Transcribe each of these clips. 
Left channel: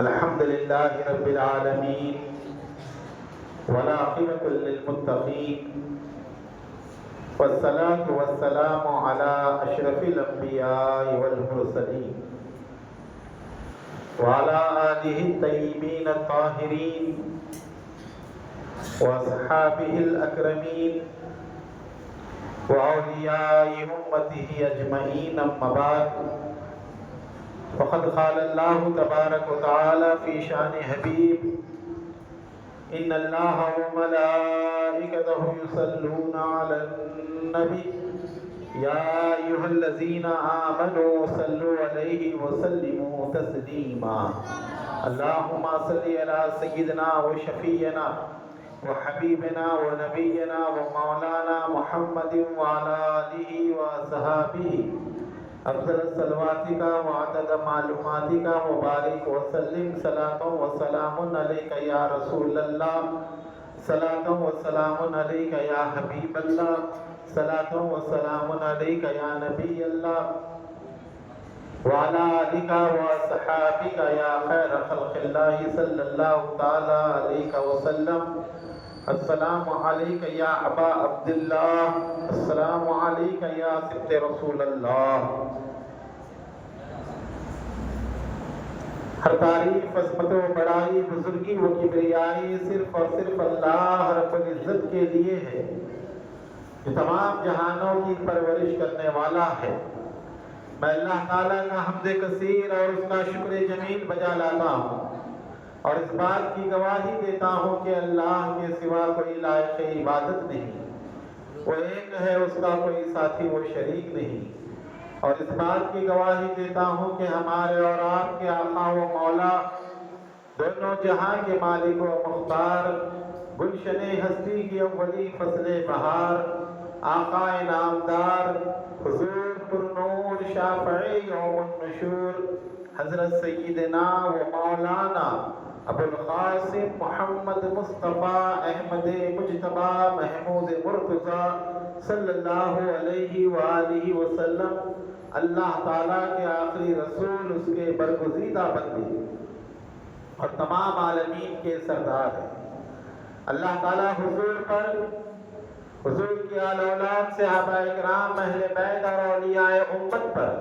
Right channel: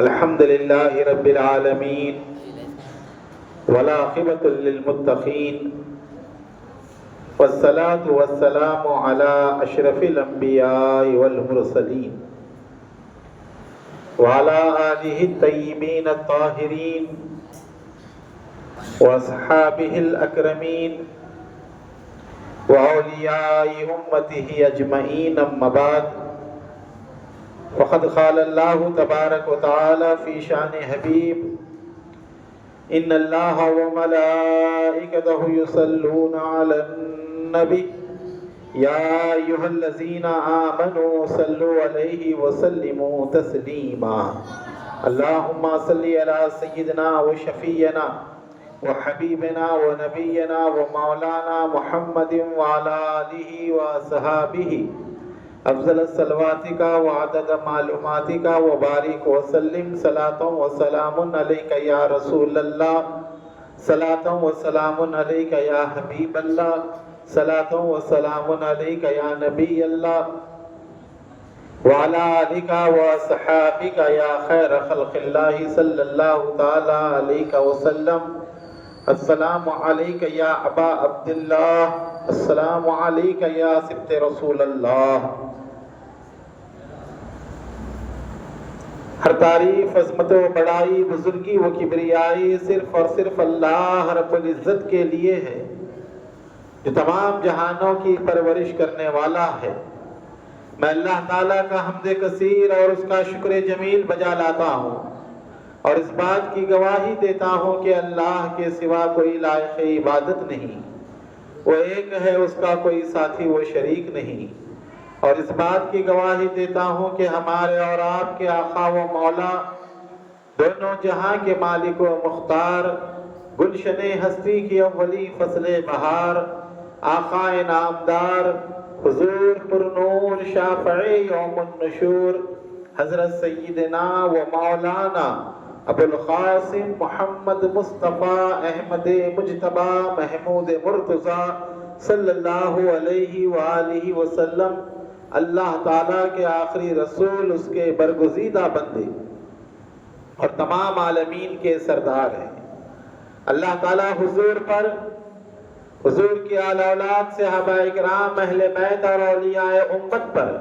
الحمد لله رب العالمين والعاقبة للمتقين والصلاة والسلام على أشرف الأنبياء والمرسلين وعلى آله الطيبين الطاهرين وأصحابه الأكرمين وأولياء أمته أجمعين أما بعد فقد قال الله تبارك وتعالى في شأن حبيب إن الله وملائكته يصلون على النبي يا أيها الذين آمنوا صلوا عليه وسلموا تسليما اللهم صل على سيدنا وشفينا وحبيبنا ونبينا ومولانا محمد وعلى آله وصحابه افضل الصلواتك وعدد معلوماتك وبارك وسلم صلاة وسلام عليك يا رسول الله صلاة وسلام عليك يا حبيب الله صلاة وسلام عليك يا نبي الله وعلى آلك وصحابك يا خير خلق الله صلى الله تعالى عليك وسلم السلام عليك يا أبا عبد الله السلام عليك يا سبت رسول اللہ۔ ہر تعریف عظمت و بڑائی بزرگی و کبریائی صرف اور صرف اللہ رب العزت کے لیے ہے جو تمام جہانوں کی پرورش کرنے والا ہے۔ میں اللہ تعالیٰ کا حمد کثیر اور اس کا شکر جمیل بجا لاتا ہوں اور اس بات کی گواہی دیتا ہوں کہ اللہ کے سوا کوئی لائق عبادت نہیں، وہ ایک ہے، اس کا کوئی ساتھی و شریک نہیں، اور اس بات کی گواہی دیتا ہوں کہ ہمارے اور آپ کے آقا و مولا، دونوں جہاں کے مالک و مختار، گلشن ہستی کی اولی فصل بہار، آقا نامدار، حضور پر نور شافع یوم النشور، حضرت سیدنا و مولانا ابو القاسم محمد مصطفیٰ احمد مجتبی محمود مرتضیٰ صلی اللہ علیہ وآلہ وسلم، اللہ تعالیٰ کے آخری رسول، اس کے برگزیدہ بندے اور تمام عالمین کے سردار ہیں۔ اللہ تعالیٰ حضور پر، حضور کی آل اولاد صحابہ اکرام اہل بیت اور اولیاء امت پر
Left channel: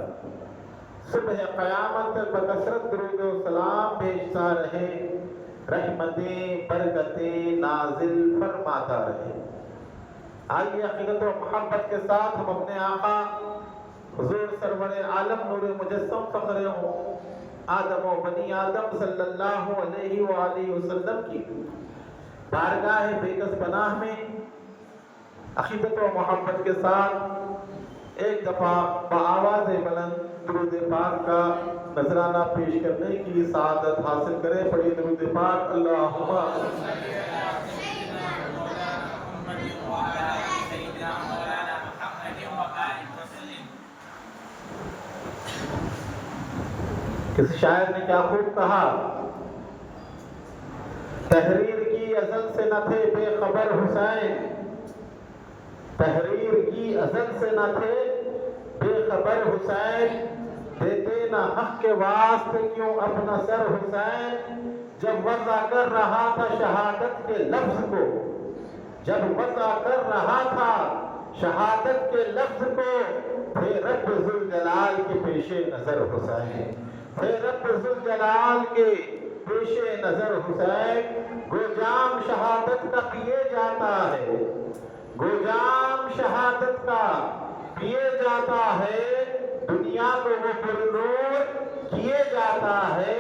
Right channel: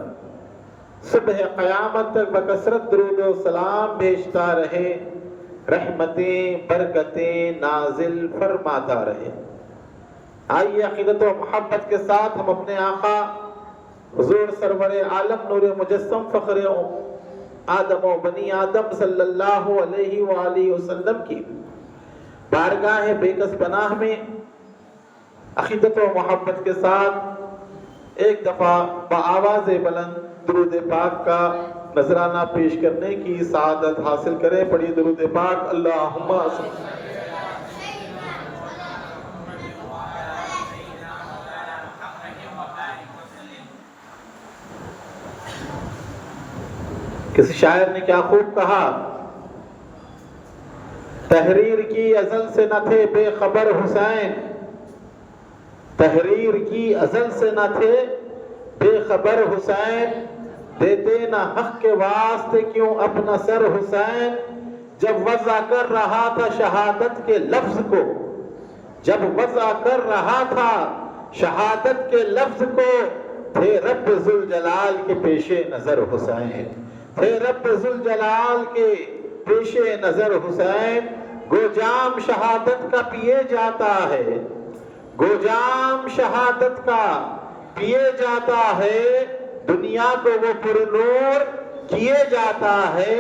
صبح قیامت تک بکثرت درود و سلام بھیجتا رہے، رحمتیں برکتیں نازل فرماتا رہے۔ آئیے عقیدت و محبت کے ساتھ ہم اپنے آقا حضور سرور عالم نور مجسم فخر آدم و بنی آدم صلی اللہ علیہ وآلہ وسلم کی بارگاہ بے کس پناہ میں عقیدت و محبت کے ساتھ ایک دفعہ بآواز بلند درود پاک کا نذرانہ پیش کرنے کی سعادت حاصل کریں۔ پڑھیے درود پاک، اللہم کسی شاعر نے کیا خوب کہا، تحریر کی ازل سے نہ تھے بے خبر حسین، تحریر کی ازل سے نہ تھے بے خبر حسین، دیتے نہ حق کے واسطے کیوں اپنا سر حسین، جب وضع کر رہا تھا شہادت کے لفظ کو، جب وضع کر رہا تھا شہادت کے لفظ کو، تھے رب ذوالجلال کے پیش نظر حسین، تھے رب ذوالجلال کے پیش نظر حسین، گو جام شہادت کا پیے جاتا ہے، گو جام شہادت کا پیے جاتا ہے، دنیا کو وہ پر نور کیے جاتا ہے،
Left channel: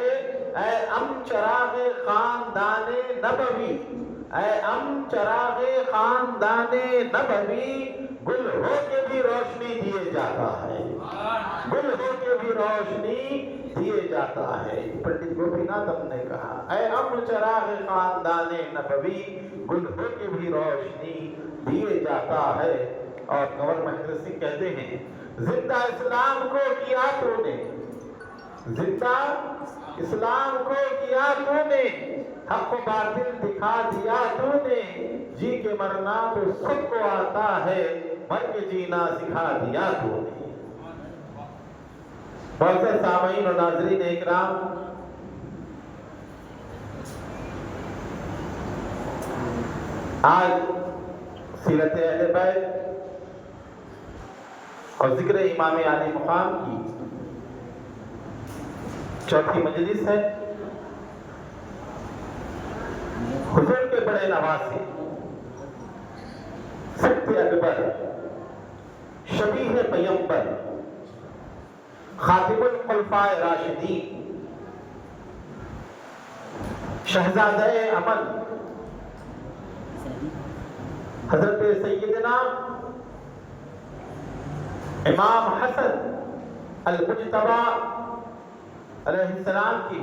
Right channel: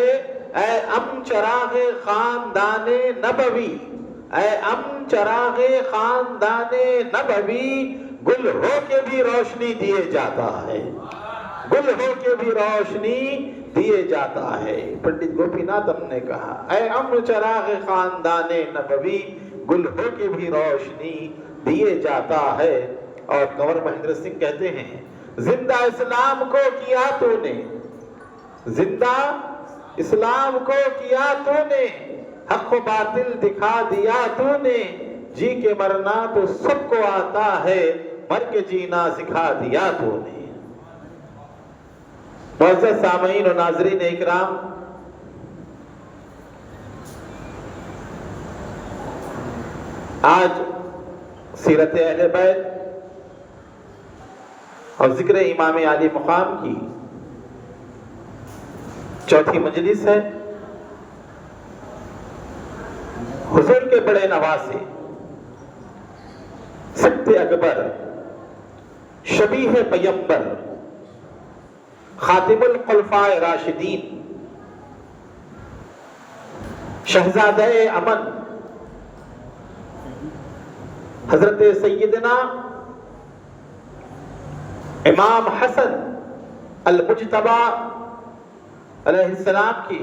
اے ام چراغ خاندان نبوی، اے ام چراغ خاندان نبوی، گل ہو کے بھی روشنی دیے جاتا ہے، گل ہو کے بھی روشنی دیے جاتا ہے۔ پنڈت گوپی ناتھ نے کہا، اے ام چراغ خاندان نبوی، گل ہو کے بھی روشنی دیے جاتا ہے۔ اور کنور مہندر سنگھ کہتے ہیں، زندہ اسلام کو کیا تو نے، زندہ اسلام کو کیا تو نے، حق و باطل دکھا دیا تو نے، جی کے مرنا تو سب کو آتا ہے، مر کے جینا سکھا دیا تو نے۔ معزز سامعین و ناظرین اکرام، آج سیرت اہل بیت اور ذکر امام عالی مقام کی چوتھی مجلس ہے۔ حضور کے بڑے نواسے، سبت اکبر، شبیہ پیمبر، خاتم الخلفاء راشدین، شہزادہ امن، حضرت سیدنا امام حسن المجتبی علیہ السلام کی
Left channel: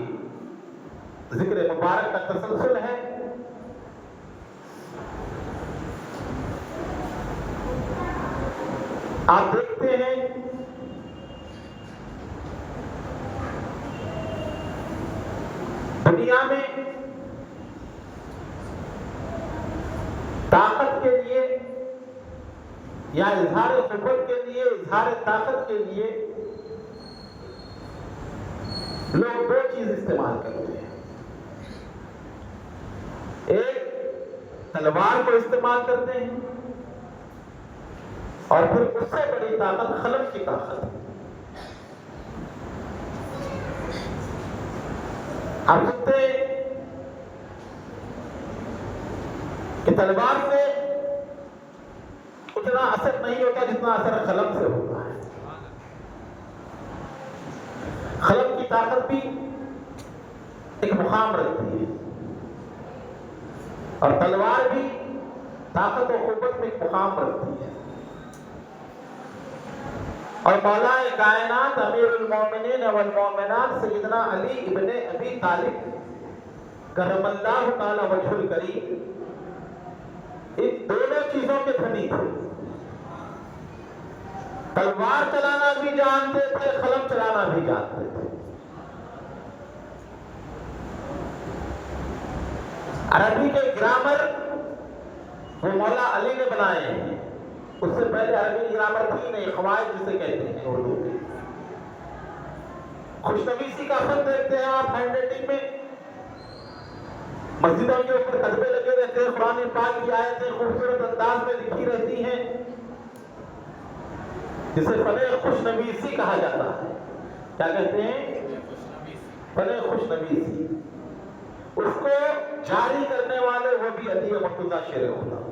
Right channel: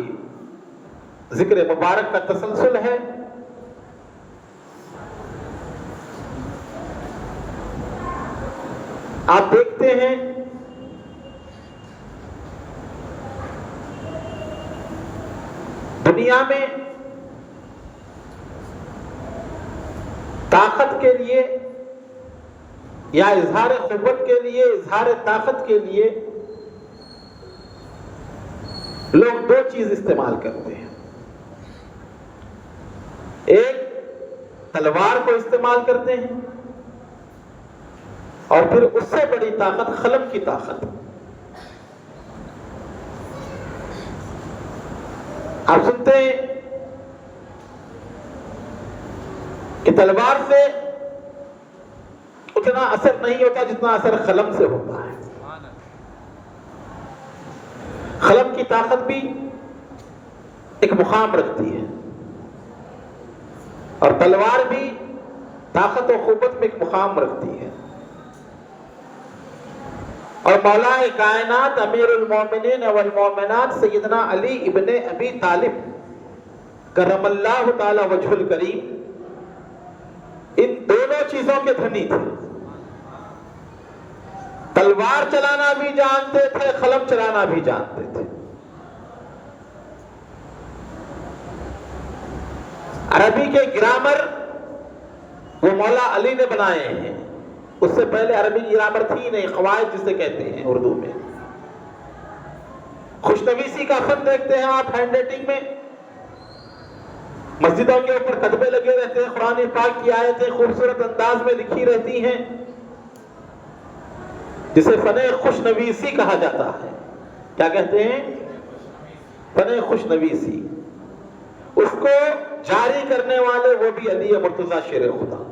ذکر مبارک کا تسلسل ہے۔ آپ دیکھتے ہیں دنیا میں طاقت کے لیے یا اظہار قوت کے لیے، اظہار طاقت کے لیے لوگ دو چیز استعمال کرتے ہیں۔ ایک تلوار کو استعمال کرتے ہیں، اور پھر اس سے بڑی طاقت قلم کی طاقت۔ آپ سنتے ہیں کہ تلوار سے اتنا اثر نہیں ہوتا جتنا اثر قلم سے ہوتا ہے۔ قلم کی طاقت بھی ایک مقام رکھتی ہے، اور تلوار بھی طاقت و قوت میں ایک مقام رکھتی ہے۔ اور مولا کائنات امیر المومنین والمومنات سیدنا علی ابن ابی طالب کرم اللہ تعالی وجہ الکریم ان دونوں چیزوں کے دھنی تھے۔ تلوار چلانا بھی جانتے تھے، قلم چلانا بھی جانتے تھے۔ عربی کے گرامر وہ مولا علی نے بنائے ہیں، اس سے پہلے عربی گرامر تھی نہیں، قواعد جسے کہتے ہیں اردو میں۔ خوشنویسی کا خط دیکھتے ہیں آپ ہینڈ رائٹنگ میں، مسجدوں کے اوپر کتبے لگے رہتے ہیں، قرآن پاک کی آیتیں خوبصورت انداز میں لکھی رہتی ہیں، جسے فن خوشنویسی کہا جاتا ہے۔ کیا کہتے ہیں؟ فن خوشنویسی۔ اس کو جاری کرنے والے وہ بھی علی مرتضیٰ شیر خدا۔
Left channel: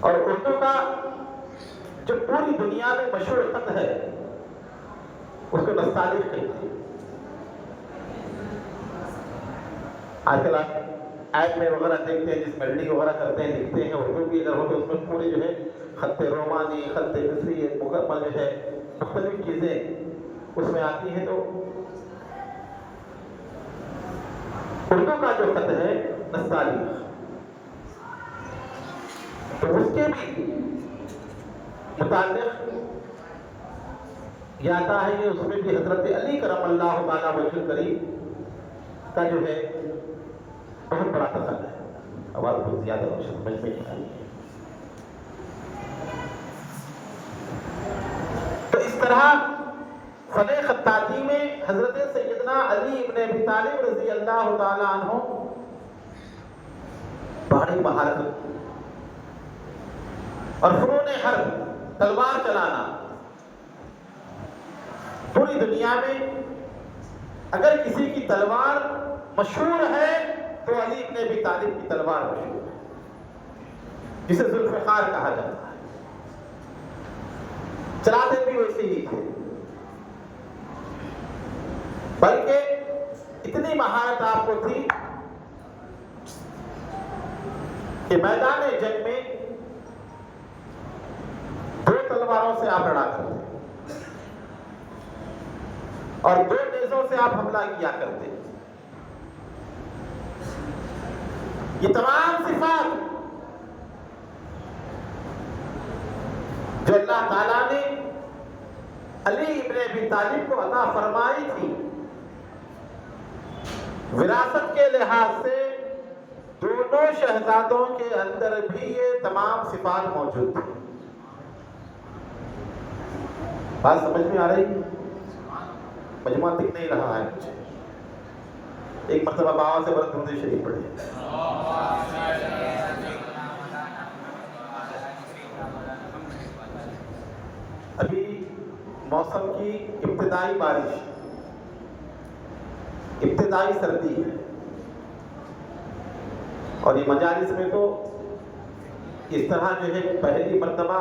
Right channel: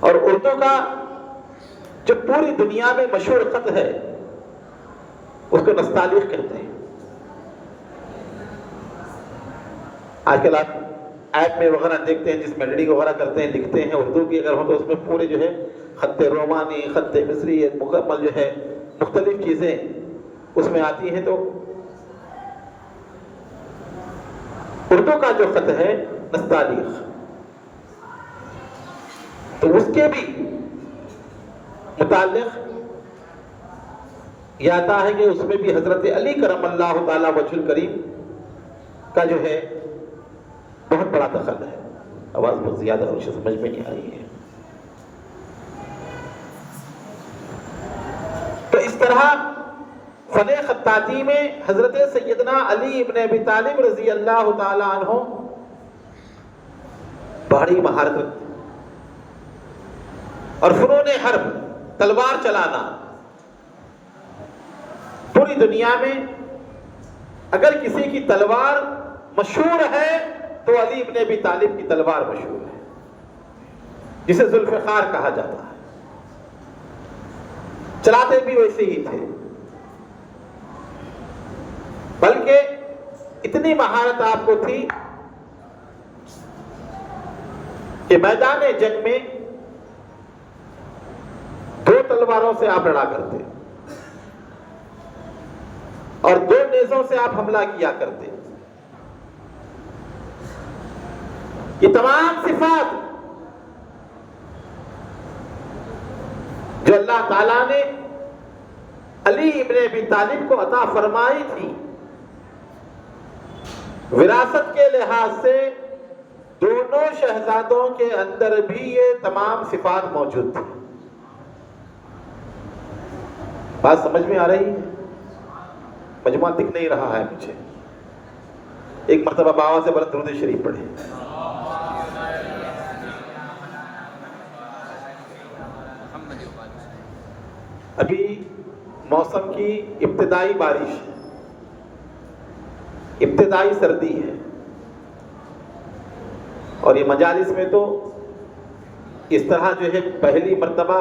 اور اردو کا جو پوری دنیا میں مشہور خط ہے اس کو نستعلیق کہتے ہیں۔ آج کل آپ ایپ میں وغیرہ دیکھتے ہیں جس میں ایڈیٹنگ وغیرہ کرتے ہیں، لکھتے ہیں اردو کی اگر ہو تو اس میں پورے جو ہے خط رومانی، خط مصری، مکمل جو ہے مختلف چیزیں اس میں آتی ہیں۔ تو اردو کا جو خط ہے نستعلیق، تو اس کے بھی متعلق یہ آتا ہے کہ اس میں بھی حضرت علی کرم اللہ تعالی وجہ الکریم کا جو ہے بہت بڑا دخل ہے۔ آواز بہت زیادہ اور سمجھ میں نہیں آئی ہے۔ تو اس طرح فن خطاطی میں حضرت سیدنا علی ابن ابی طالب رضی اللہ تعالی عنہ بڑی مہارت رکھتے، اور فنون حرب، تلوار چلانا، پوری دنیا میں اگر کسی کی تلوار مشہور ہے تو علی ابن ابی طالب کی تلوار مشہور ہے، جسے ذوالفقار کہا جاتا ہے۔ چلاتے بھی ویسے ہی تھے، بلکہ اتنی مہارت آپ کو تھی کہ میدان جنگ میں دو تلواروں سے آپ لڑا کرتے اور دو نیزوں سے آپ حملہ کیا کرتے۔ یہ تمام صفات جو اللہ تعالیٰ نے علی ابن ابی طالب کو عطا فرمائی تھی، وراثت کے لحاظ سے دونوں شہزادوں کے اندر بھی یہ تمام صفات موجود تھی۔ بات سمجھ میں آ رہی ہے؟ مجموعہ دکھ نہیں رہا ہے مجھے۔ ایک مرتبہ باوا سے بلند درود شریف پڑھیں۔ ابھی موسم کی ابتدائی بارش، ابتدائی سردی ہے، اور یہ مجالس میں تو اس طرح جو ہے پہلی مرتبہ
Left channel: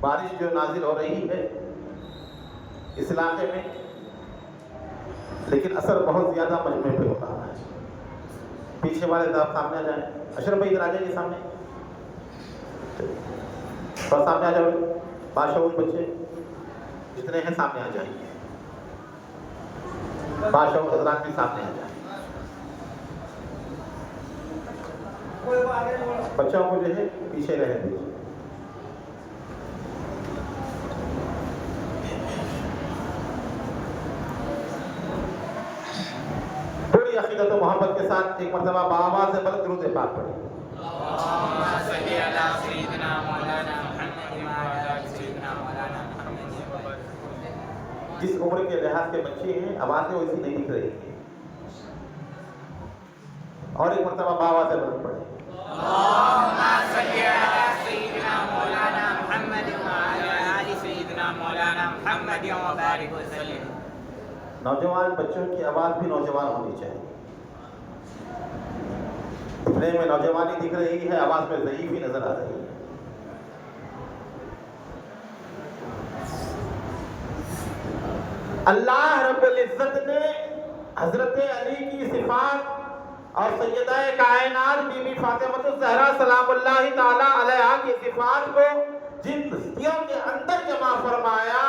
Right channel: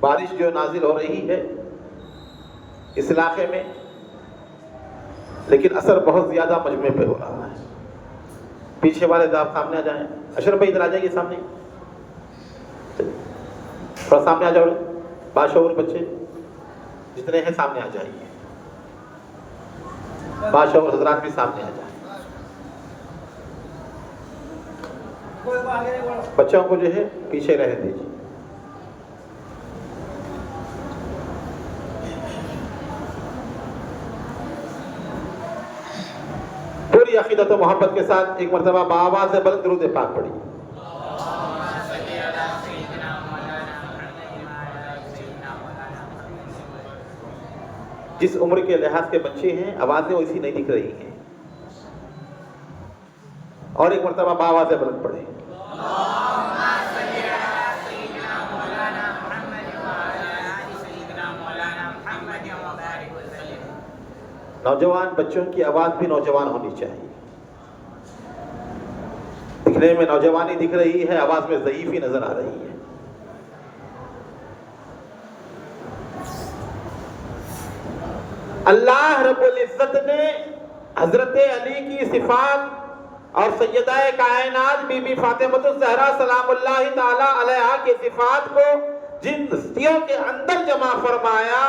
بارش جو نازل ہو رہی ہے اس علاقے میں، لیکن اثر بہت زیادہ مجمع پہ ہو رہا ہے۔ پیچھے والے آپ سامنے آ جائیں، اشرف بھائی ادھر آ جائیے سامنے، تھوڑا سامنے آ جاؤ، باشعور بچے جتنے ہیں سامنے آ جائیے، باشعور حضرات بھی سامنے آ جائیں۔ بچوں کو جو ہے پیچھے رہ دیجیے۔ پوری عقیدت و محبت کے ساتھ ایک مرتبہ بآواز سے بلند درود پاک پڑھیے۔ جس عمر کے لحاظ کے بچے ہیں آوازیں ویسی نہیں دکھ رہی ہیں، اور ایک مرتبہ بآواز سے بلند پڑھیں۔ نوجوان بچوں کی آواز بھی نوجوان ہونی چاہیے، دکھنے میں نوجوانی دکھ رہی ہے، آواز میں ضعیفی نظر آ رہی ہے۔ اللہ رب العزت نے حضرت علی کی صفات اور سیدہ کائنات بی بی فاطمہ الزہرا سلام اللہ تعالی علیہا کی صفات کو جن ہستیوں کے اندر جمع فرمایا،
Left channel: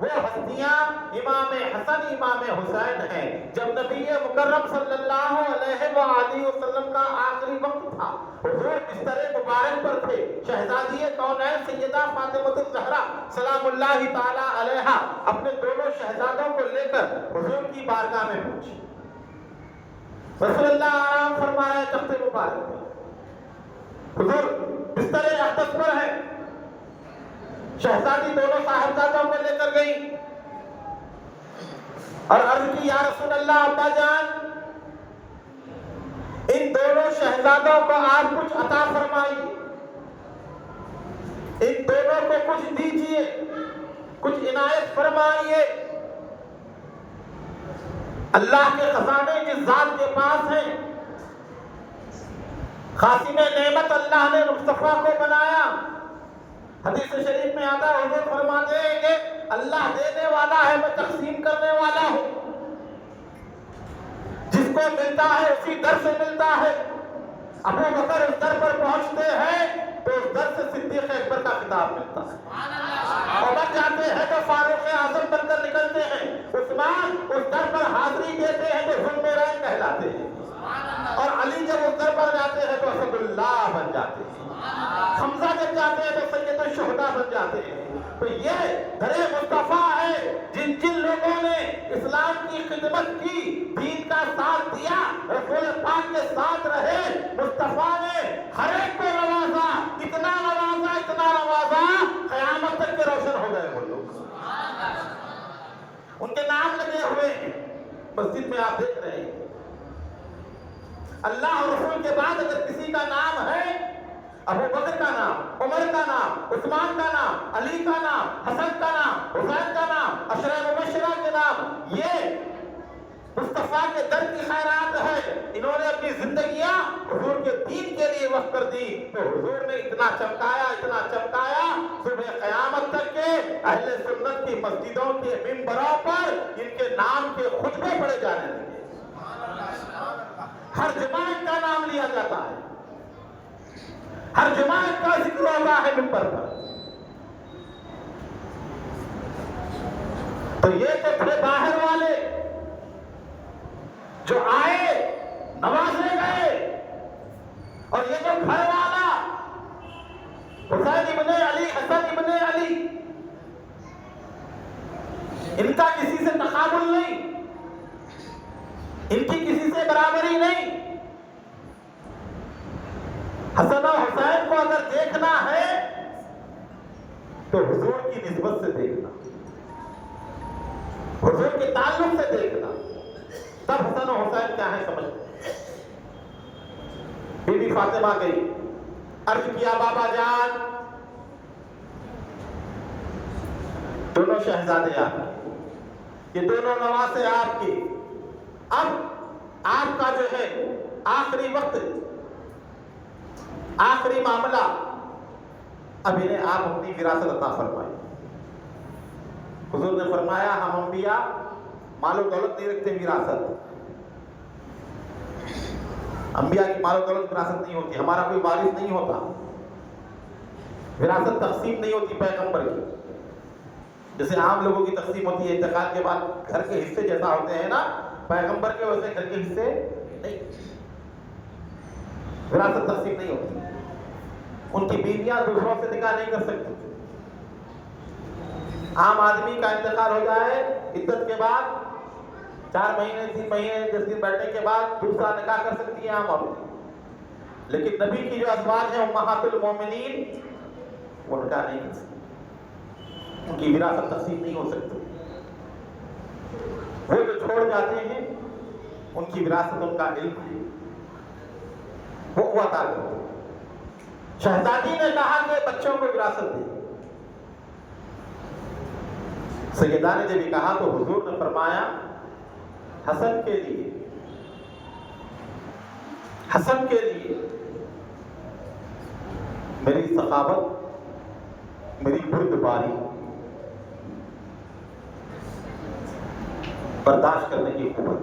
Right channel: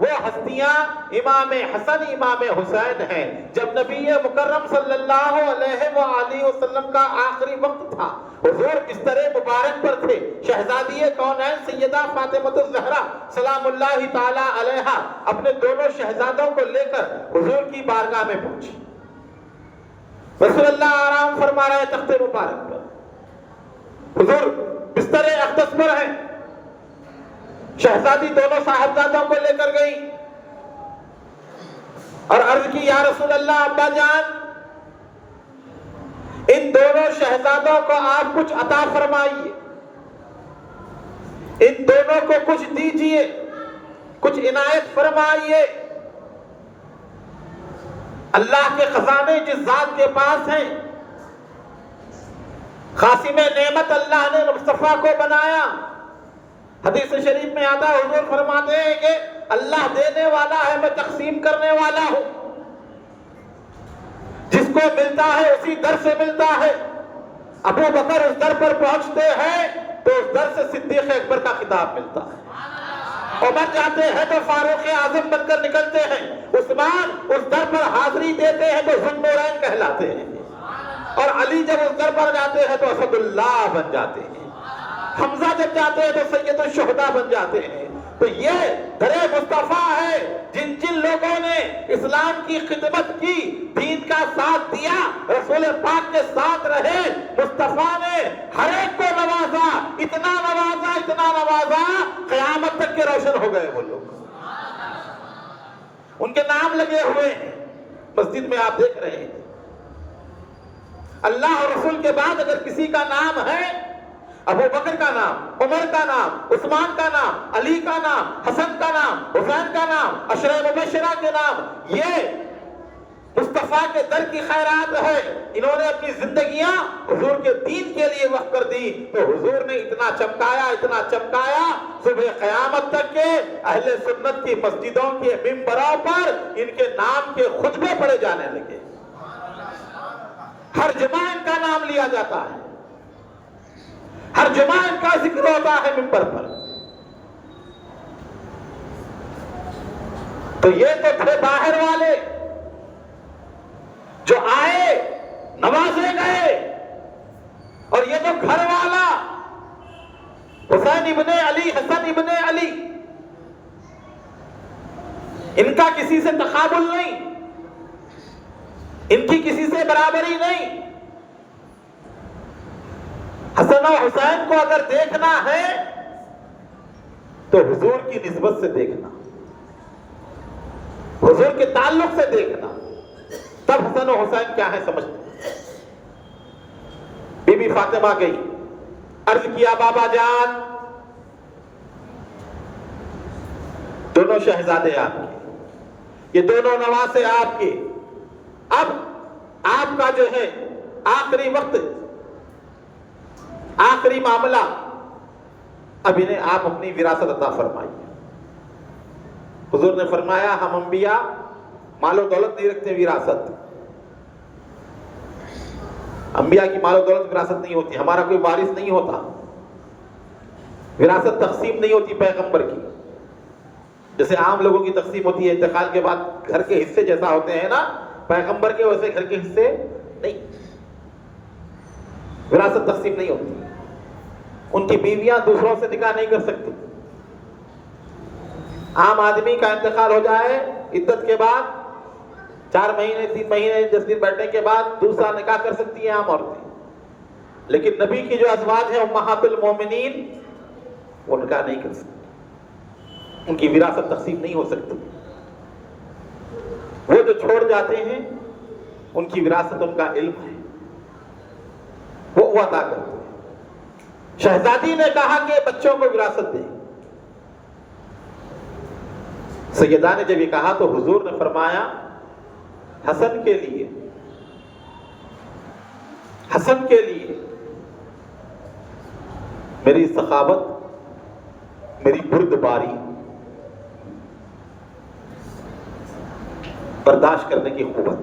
وہ ہستیاں امام حسن امام حسین ہیں۔ جب نبی مکرم صلی اللہ علیہ وآلہ وسلم کا آخری وقت تھا، حضور بستر مبارک پر تھے، شہزادی کونین سیدہ فاطمہ الزہرا سلام اللہ تعالی علیہا اپنے دونوں شہزادوں کو لے کر حضور کی بارگاہ میں پہنچی۔ رسول اللہ آرام فرما رہے تخت مبارک پر، حضور بستر اقدس پر ہے، شہزادی دونوں صاحبزادوں کو لے کر گئی اور عرض کی یا رسول اللہ ابا جان، ان دونوں شہزادوں کو آپ کچھ عطا فرمائیے، ان دونوں کو کچھ دیجئے، کچھ عنایت فرمائیے۔ اللہ کے خزانے جس ذات کے پاس ہیں، خاصم نعمت اللہ نے مصطفیٰ کو بنایا۔ حدیث شریف میں آتا ہے، حضور فرماتے ہیں کہ اللہ دینے والا ہے، میں تقسیم کرنے والا ہوں، جس کو ملتا ہے اسی در سے ملتا ہے۔ ابو بکر اس در پر پہنچتے ہیں تو اس در سے صدیق اکبر کا خطاب ملتا ہے، عمر جاتے ہیں تو فاروق اعظم بن کر نکلتے ہیں، عثمان اس در پر حاضری دیتے ہیں تو ذو النورین کہلاتے ہیں، اور علی جب اس در پر جاتے ہیں تو اسد اللہ بن جاتے ہیں، حمزہ جب جاتے ہیں تو سید الشہداء بن جاتے ہیں۔ تو یہ در مصطفیٰ ہے، جن لوگوں نے اسلام کی خدمت کی، دین کا ساتھ دیا، رسول پاک کے ساتھ رہے، مصطفیٰ نے ہر ایک کو نوازا، اتنا نوازا، اتنا نوازا، قیامت تک کے روشن ہو گئے وہ لوگ۔ ان کے نام لگے ہوئے ہیں مسجد میں، آپ دیکھ رہے ہیں۔ اللہ اور رسول کے بعد اگر کسی کا نام ہے، ابو بکر کا نام، عمر کا نام، عثمان کا نام، علی کا نام، حسن کا نام، حسین کا نام، عشرہ مبشرہ کے نام، یہ مصطفیٰ کے در کی خیرات ہے۔ انہوں نے اپنی زندگیاں حضور کے دین کے لیے وقف کر دی، تو حضور نے اتنا چمکایا، اتنا چمکایا، صبح قیامت تک کے اہل سنت کی مسجدوں کے منبروں پر ان کے نام کے خطبے پڑھے جانے لگے، ہر جمعہ ان کا نام لیا جاتا ہے، ہر جمعہ ان کا ذکر ہوتا ہے منبر پر۔ تو یہ تو تھے باہر والے جو آئے، نوازے گئے، اور یہ تو گھر والا حسین ابن علی، حسن ابن علی، ان کا کسی سے تقابل نہیں، ان کی کسی سے برابری نہیں۔ حسن و حسین کو اگر دیکھنا ہے تو حضور کی نسبت سے دیکھنا، حضور کے تعلق سے دیکھنا، تب حسن و حسین کیا ہے سمجھتے. بی بی فاطمہ گئی، عرض کیا بابا جان دونوں شہزادے آپ کے، یہ دونوں نواسے آپ کے، اب آپ کا جو ہے آخری وقت، آخری معاملہ، اب انہیں آپ اپنی وراثت عطا فرمائیے. حضور نے فرمایا ہم انبیاء مال و دولت نہیں رکھتے، وراثت. انبیاء کی مال و دولت وراثت نہیں ہوتی، ہمارا کوئی وارث نہیں ہوتا، وراثت تقسیم نہیں ہوتی پیغمبر کی. جیسے عام لوگوں کی تقسیم ہوتی ہے انتقال کے بعد گھر کے حصے جیسا ہوتے ہیں نا، پیغمبر کے ویسے گھر کے حصے نہیں، وراثت تقسیم نہیں ہوتی. ان کی بیویاں دوسروں سے نکاح نہیں کر سکتی. عام آدمی کا انتقال ہو جائے عدت کے بعد 4 مہینے 3 مہینے 10 دن بیٹھنے کے بعد دوسرا نکاح کر سکتی ہیں عام عورتیں، لیکن نبی کی جو ازواج ہیں امہات المومنین وہ نکاح نہیں کر سکتی، ان کی وراثت تقسیم نہیں ہو سکتی. وہ جو چھوڑ جاتے ہیں ان کی وراثت ان کا علم ہے، وہ ادا کرتے ہیں. شہزادی نے کہا کہ بچوں کو وراثت دے. سیدہ نے جب یہ کہا تو حضور نے فرمایا حسن کے لیے، حسن کے لیے میری سخاوت، میری بردباری، برداشت کرنے کی قوت.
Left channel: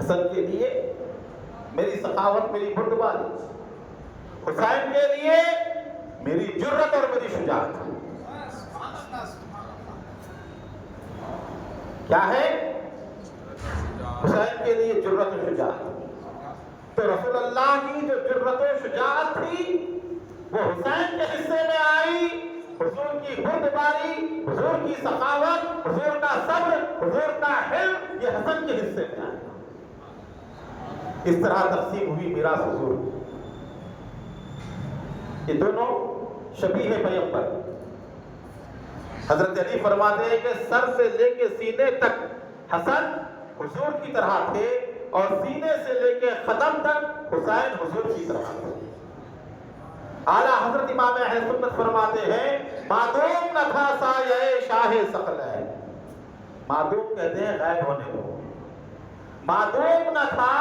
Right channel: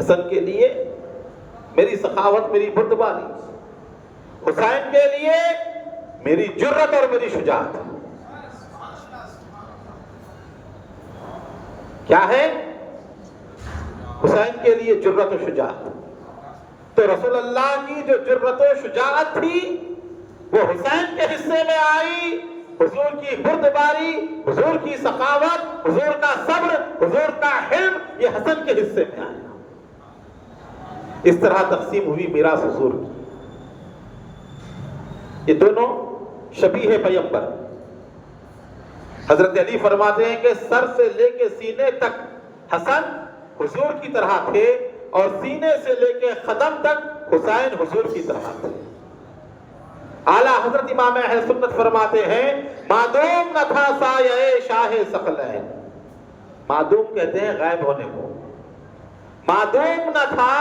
حسن کے لیے میری سخاوت، میری بردباری. حسین کے لیے میری جرت اور میری شجاعت. کیا ہے؟ حسین کے لیے جرت و شجاعت. تو رسول اللہ کی جو جرت و شجاعت تھی وہ حسین کے حصے میں آئی. حضور کی بردباری، حضور کی سخاوت، حضور کا صبر، حضور کا حلم، یہ حسن کے حصے میں آیا. اس طرح تقسیم ہوئی میراث حضور کی. یہ دونوں شبیہ پیغمبر. حضرت علی فرماتے ہیں کہ سر سے لے کے سینے تک حسن حضور کی طرح تھے اور سینے سے لے کے قدم تک حسین حضور کی طرح تھے. اعلیٰ حضرت امام اہل سنت فرماتے ہیں معدوم نہ تھا سایہ شاہ ثقلین. معدوم کہتے ہیں غائب ہونے کو. معدوم نہ تھا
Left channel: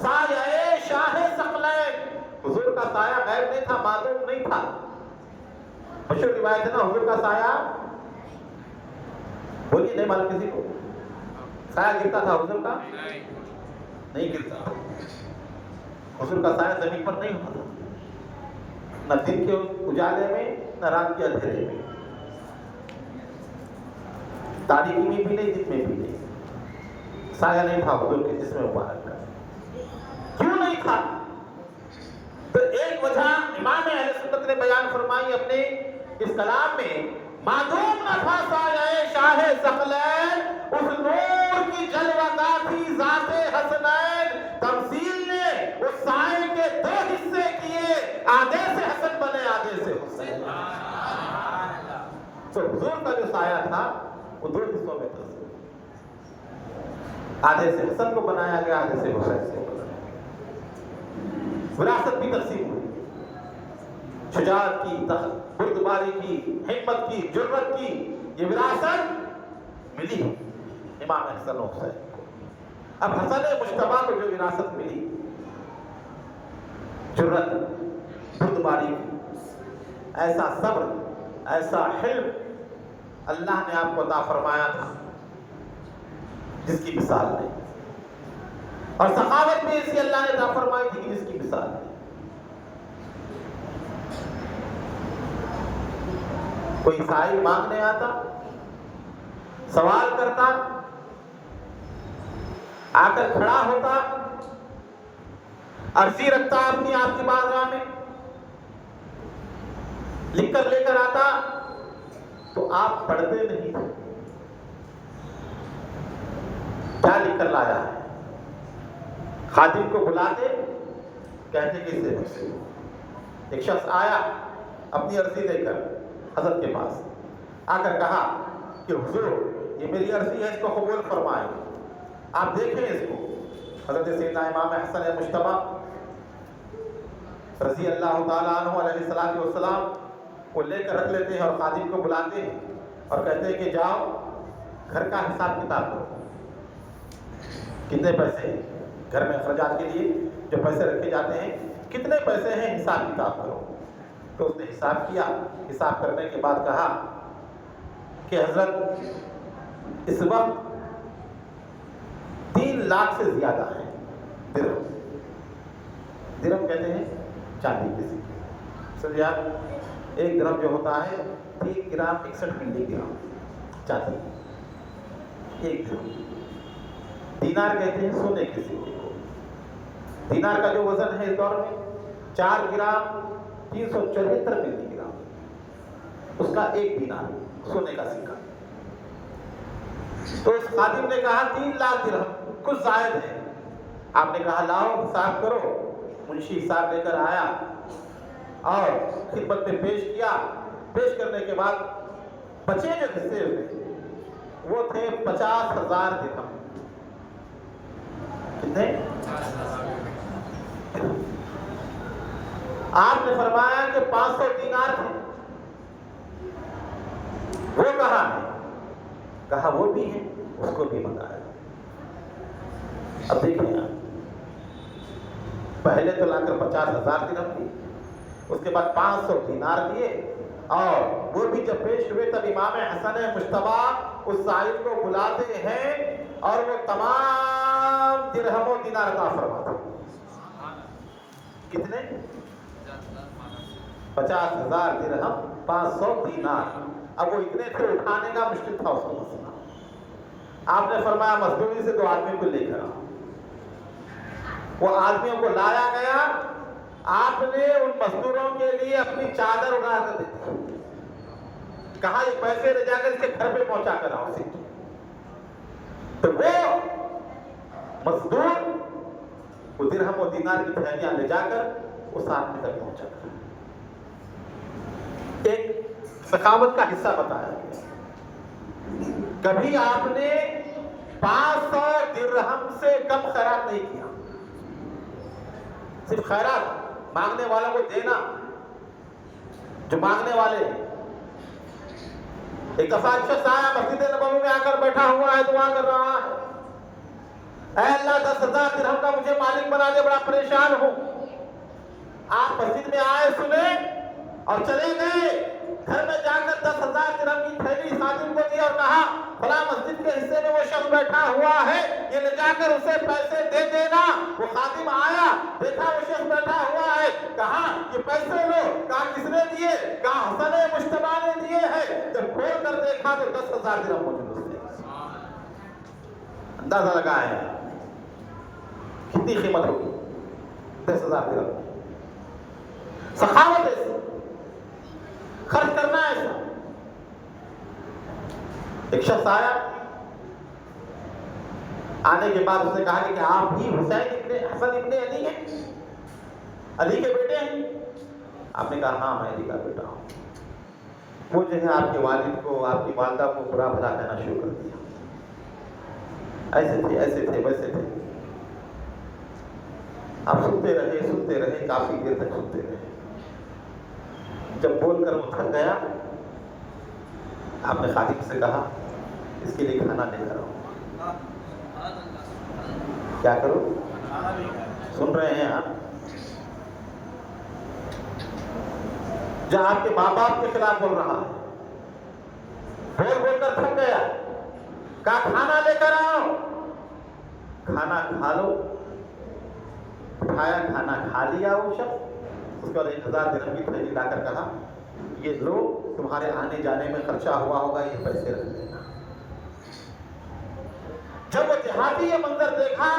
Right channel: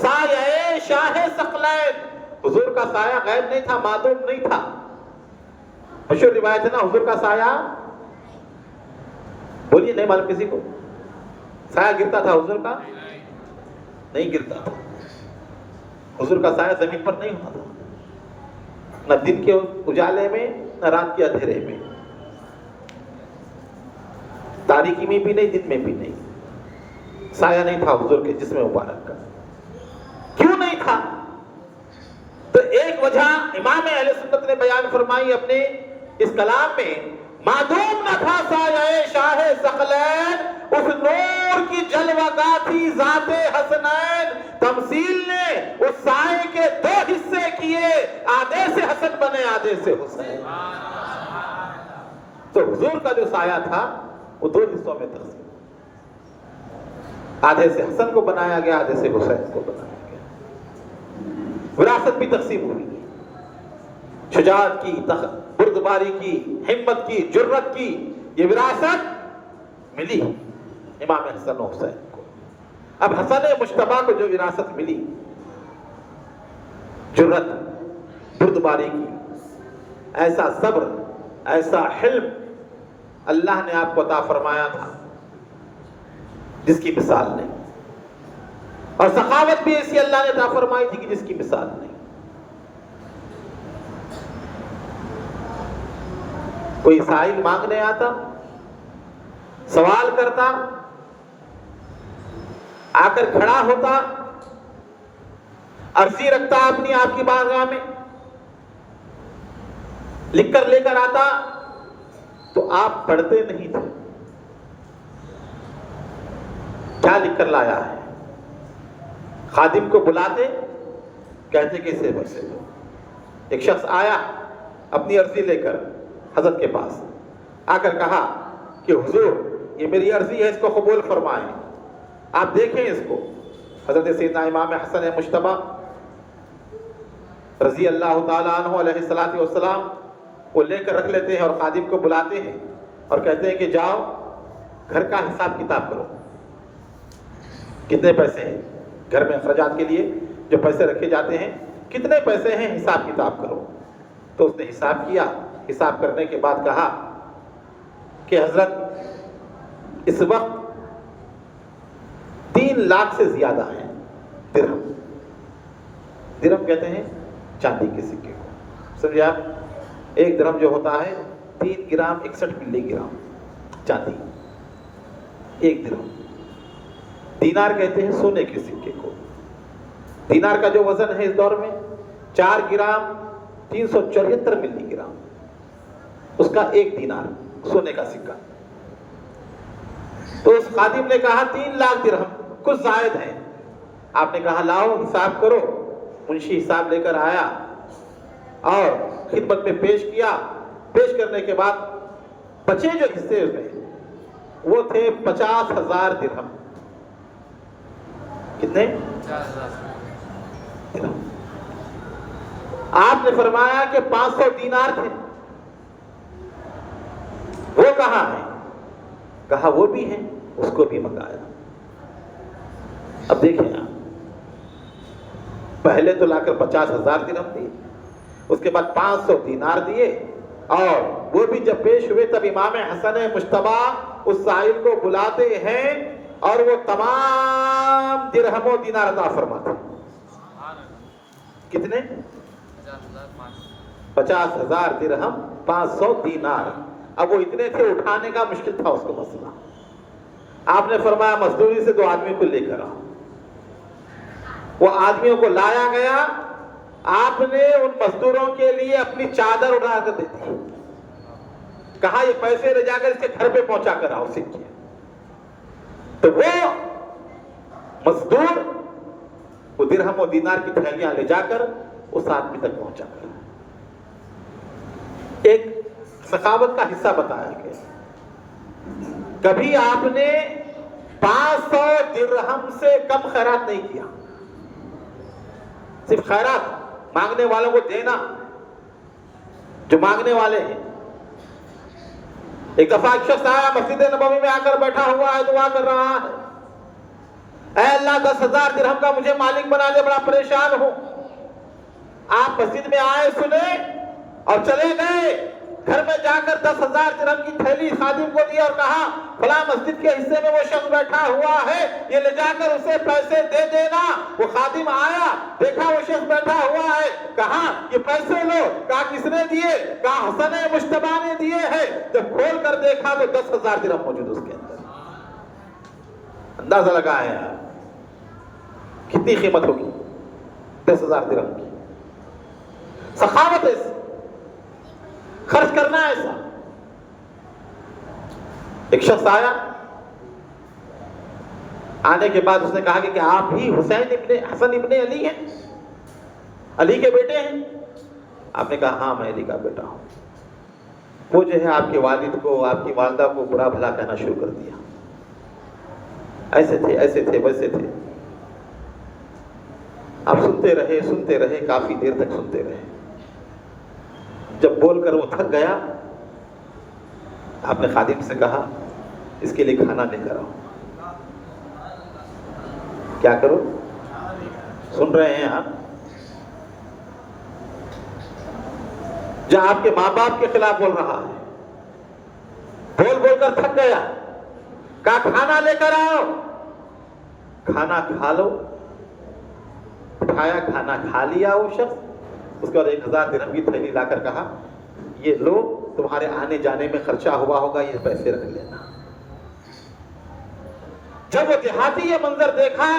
سایہ شاہ ثقلین. حضور کا سایہ غائب نہیں تھا، معدوم نہیں تھا. مشہور روایت ہے نا حضور کا سایہ، بولیے نہیں معلوم کسی کو، سایہ گرتا تھا حضور کا؟ نہیں گرتا تھا. حضور کا سایہ زمین پر نہیں ہوتا تھا، نہ دن کے اجالے میں نہ رات کے اندھیرے میں، تاریکی میں بھی نہیں دن میں بھی نہیں. سایہ نہیں تھا حضور کے جسم مبارک کا. کیوں نہیں تھا؟ تو ایک وجہ امام اہل سنت نے بیان فرمائی اپنے اس کلام میں. معدوم نہ تھا سایہ شاہ ثقلین، اس نور کی جلوہ گاہ تھی ذات حسنین. تمثیل نے اس سائے کے 2 حصے کیے، آدھے سے حسن بنے آدھے سے حسین. تو حضور کا جو سایہ تھا وہ 2 حصوں میں تقسیم، آدھے سے حسن کو بنایا گیا، آدھے سے حسین کو بنایا گیا. وراثت بھی تقسیم ہوئی. شجاعت کی، بردباری کی، ہمت کی، جرت کی، یہ وراثت ملی امام حسن و حسین کو. اب حسن مجتبیٰ کو جو وراثت ملی، جرت، بردباری کی، ایسا صبر، ایسا حلم اللہ نے آپ کو عطا فرمایا تھا جس کی مثال نہیں. اور سخاوت بھی اسی اللہ نے عطا فرمائی تھی کہ جس کی مثال نہیں. کوئی سائل مانگنے آتا، سوال کرتا، آ کر کھڑا ہوتا، عرضی رکھتا اپنی آپ کی بارگاہ میں، لکھ کر لے کر آتا تو آپ پڑھتے نہیں تھے کیا لکھ کر لایا ہے. خادم کو بلاتے، کہتے کہ اسے بخشے. ایک شخص آیا اپنی عرضی لے کر حضرت کے پاس، آ کر کہا کہ حضور یہ میری عرضی ہے، اس کو قبول فرمائیں. آپ دیکھیں اس کو، حضرت سیدنا امام حسن مجتبی رضی اللہ تعالیٰ عنہ علیہ الصلوۃ والسلام وہ لے کر رکھ لیتے ہیں اور خادم کو بلاتے ہیں اور کہتے ہیں کہ جاؤ گھر کا حساب کتاب کرو، کتنے پیسے ہیں گھر میں اخراجات کے لیے جو پیسے رکھے جاتے ہیں، کتنے پیسے ہیں حساب کتاب کرو۔ تو اس نے حساب کیا، حساب کرنے کے بعد کہا کہ حضرت اس وقت 3 لاکھ سے زیادہ ہیں درہم۔ درہم کہتے ہیں چاندی کے سکے، سمجھے آپ؟ 1 درہم جو ہوتا ہے 3 گرام 61 ملی گرام چاندی، 1 درہم۔ دینار کہتے ہیں سونے کے سکے کو۔ دینار کا جو وزن ہے اس دور میں 4 گرام 374 ملی گرام، اس کا 1 دینار سونے کا سکہ۔ تو اس خادم نے کہا 3 لاکھ درہم کچھ زائد ہے۔ آپ نے کہا لاؤ حساب کرو۔ منشی حساب لے کر آیا اور خدمت میں پیش کیا۔ پیش کرنے کے بعد بچے جو حصے ہوئے وہ تھے 50,000 درہم۔ کتنے؟ درہم۔ آپ نے فرمایا کہ 500 دینار تھے، وہ کہاں ہے؟ کہا وہ بھی ہے، اس کو بھی منگایا۔ اب دیکھیں آپ، پہلے تو لا کر 50,000 درہم دیے، اس کے بعد 500 دینار دیے، اور وہ بھی جب پیش ہوئے تب امام حسن مجتبی اس سائل کو بلاتے ہیں اور وہ تمام درہم و دینار عطا فرماتے ہیں۔ کتنے؟ 50,000 درہم 500 دینار۔ اب وہ اتنے تھے اٹھانے کا مشکل تھا اس کو مسئلہ۔ آپ نے فرمایا مزدوری سے 2 آدمی کو لے کر آؤ۔ وہ آدمیوں کو لایا گیا، آپ نے ان مزدوروں کے لیے اپنی چادر اڑا کر دے دی، کہا یہ پیسے لے جا کر اس کے گھر پہ پہنچا کر آؤ سکے۔ تو وہ مزدور وہ درہم و دینار کی تھیلیاں لے جا کر اس آدمی تک پہنچا۔ ایک سخاوت کا حصہ بتایا گیا، کبھی آپ نے 500 درہم سے کم خیرات نہیں کیا، صرف خیرات مانگنے والوں کو دینا، جو مانگنے والے ہیں۔ ایک دفعہ ایک شخص آیا، مسجد نبوی میں آ کر بیٹھا ہوا ہے، دعا کر رہا ہے، اے اللہ 10,000 درہم کا مجھے مالک بنا دے، بڑا پریشان ہوں۔ آپ مسجد میں آئے، سنے اور چلے گئے، گھر میں جا کر 10,000 درہم کی تھیلی خادم کو دی اور کہا فلاں مسجد کے حصے میں وہ شخص بیٹھا ہوا ہے، یہ لے جا کر اسے پیسے دے دینا۔ وہ خادم آیا، دیکھا وہ شخص بیٹھا ہوا ہے، کہا یہ پیسے لو، کہا کس نے دیے؟ کہا حسن مجتبی نے دیے ہیں۔ جب کھول کر دیکھا تو 10,000 درہم موجود اس کے پاس۔ اندازہ لگائیں کتنی قیمت ہوگی 10,000 درہم کی۔ سخاوت ایسی، خرچ کرنا ایسا۔ ایک شخص آیا، آنے کے بعد اس نے کہا کہ آپ ہی حسن ابن علی ہیں، علی کے بیٹے ہیں؟ آپ نے کہا ہاں میں علی کا بیٹا ہوں۔ وہ جو ہے آپ کے والد کو، آپ کی والدہ کو برا بھلا کہنا شروع کر دیا، ایسے تھے، ایسے تھے، ویسے تھے۔ آپ سنتے رہے، کافی دیر تک سنتے رہے۔ جب بول کر وہ تھک گیا، آپ نے خادم سے کہا اس کے لیے کھانا لے کر آؤ۔ کیا کرو؟ سن رہے ہیں آپ؟ جو آپ کے ماں باپ کے خلاف بول رہا ہے، بول کر تھک گیا، کہا کھانا لے کر آؤ۔ کھانا کھا لو، اٹھایا، کھانا کھا لیا وہ شخص۔ اس کے بعد 1,000 درہم کی تھیلی لا کر کہا یہ لو، تمہارے آنے جانے میں خرچہ ہوا ہوگا، یہ پیسے رکھ لینا۔ جب وہ دیہاتی یہ منظر دیکھا،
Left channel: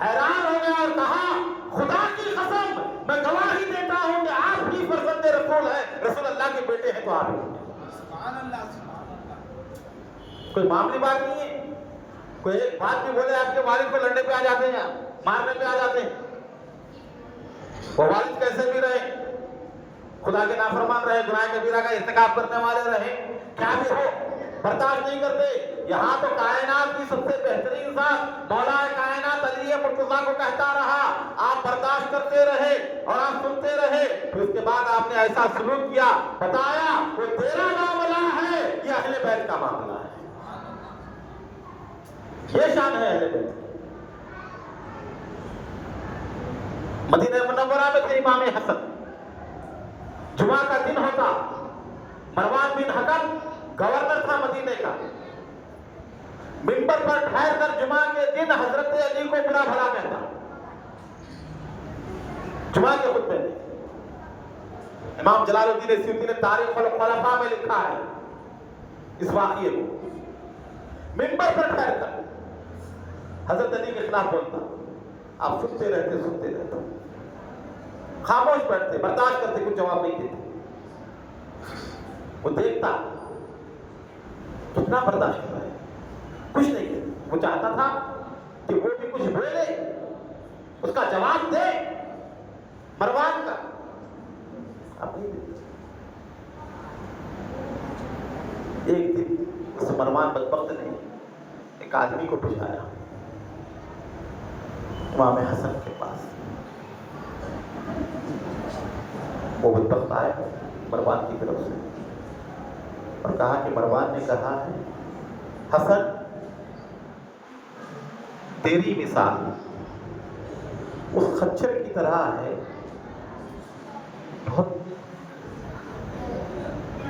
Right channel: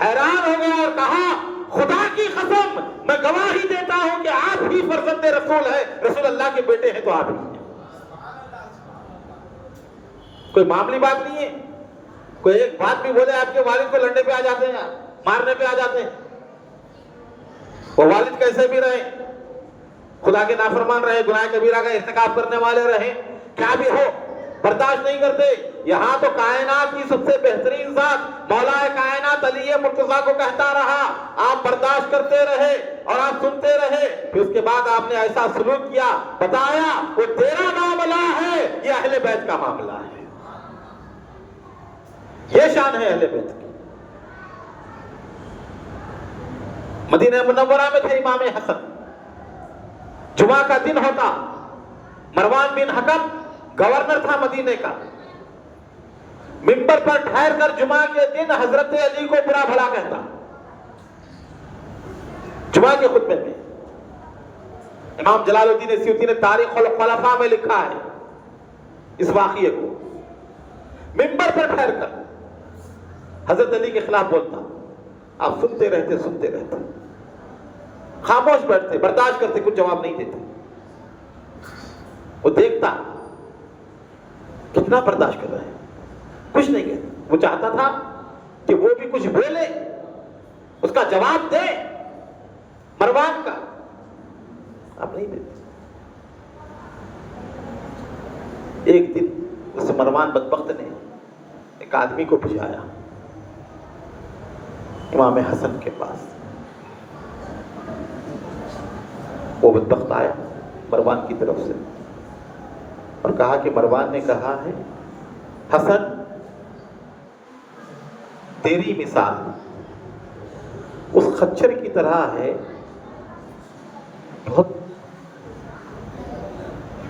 حیران ہو گیا اور کہا خدا کی قسم میں گواہی دیتا ہوں کہ آپ ہی فرزند رسول ہے، رسول اللہ کے بیٹے ہیں تو آپ ہی ہیں۔ کوئی معمولی بات نہیں ہے، کوئی ایک بات بھی بولے آپ کے والد کو لڑنے پہ آ جاتے ہیں، مارنے پہ آ جاتے ہیں۔ وہ والد کیسے بھی رہے، خدا کے نافرمان رہے، گناہ کبیرہ کا ارتکاب کرنے والے رہے، کیا بھی ہو، برداشت نہیں کرتے۔ یہاں تو کائنات کی سب سے بہترین ذات مولا رضا کو کہتا رہا، آپ برداشت کرتے رہے اور آپ سنتے رہے، پھر اس کے بعد آپ نے ایسا سلوک کیا، بتایا وہ تیرا معاملہ ہے، یہ اہل بیت کا معاملہ ہے۔ یہ شان ہے اہل بیت کی۔ مدینہ منورہ میں تھے امام حسن، جمعہ کا دن ہوتا، مروان بن حکم گورنر تھا مدینے کا، منبر پر ٹھہر کر جمعہ کے دن حضرت علی کو برا بھلا کہتا۔ جمعہ کے خطبے میں امام جلال الدین سیوطی نے تاریخ الخلفاء میں لکھا ہے اس واقعے کو، منبر پر ٹھہر کر حضرت علی کے خلاف بولتا، آپ سنتے رہتے، خاموش بیٹھتے، برداشت کرتے، کچھ جواب نہیں دیتے۔ وہ دیکھتا کتنا برداشت کر رہے ہیں، کچھ نہیں کہتا۔ وہ چاہتا تھا کہ وہ بھی کچھ بولے، اس کا جواب دے مروان کا، آپ نہیں دیتے۔ ایک دن اس مروان بدبخت نے ایک آدمی کو بھجایا امام حسن کے پاس۔ وہ بدبخت آیا مروان کی طرف سے اور کہا کہ مروان نے کہا ہے حسن تیری مثال اس خچر کی طرح ہے، بہت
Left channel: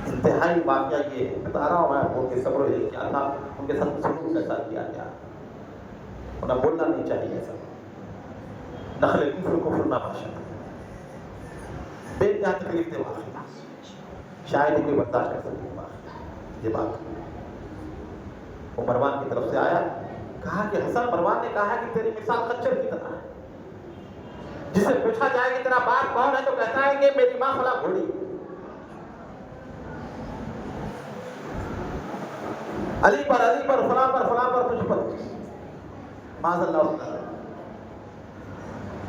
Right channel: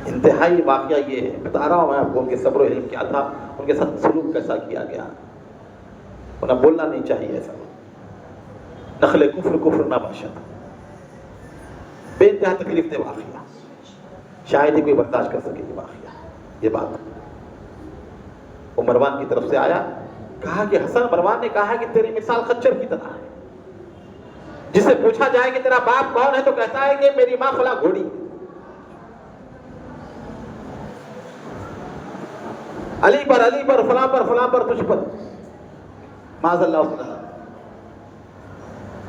انتہائی واقعہ یہ ہے، بتا رہا ہوں میں آپ کو کہ صبر و علم کیا تھا، ان کے ساتھ سلوک کیسا کیا گیا، انہیں بولنا نہیں چاہیے ایسا، نخل کفر نہ باشد، بے انتہا تکلیف دے واقعہ، شاید ہی کوئی برداشت کر سکے یہ واقعہ، یہ بات۔ وہ مروان کی طرف سے آیا، کہا کہ حسن، مروان نے کہا کہ تیری مثال خچر کی طرح ہے، جس سے پوچھا جائے کہ تیرا باپ کون ہے تو کہتا ہے کہ میری ماں فلاں گھوڑی، علی پر فلاں پر تجھ پر، معاذ اللہ تعالی۔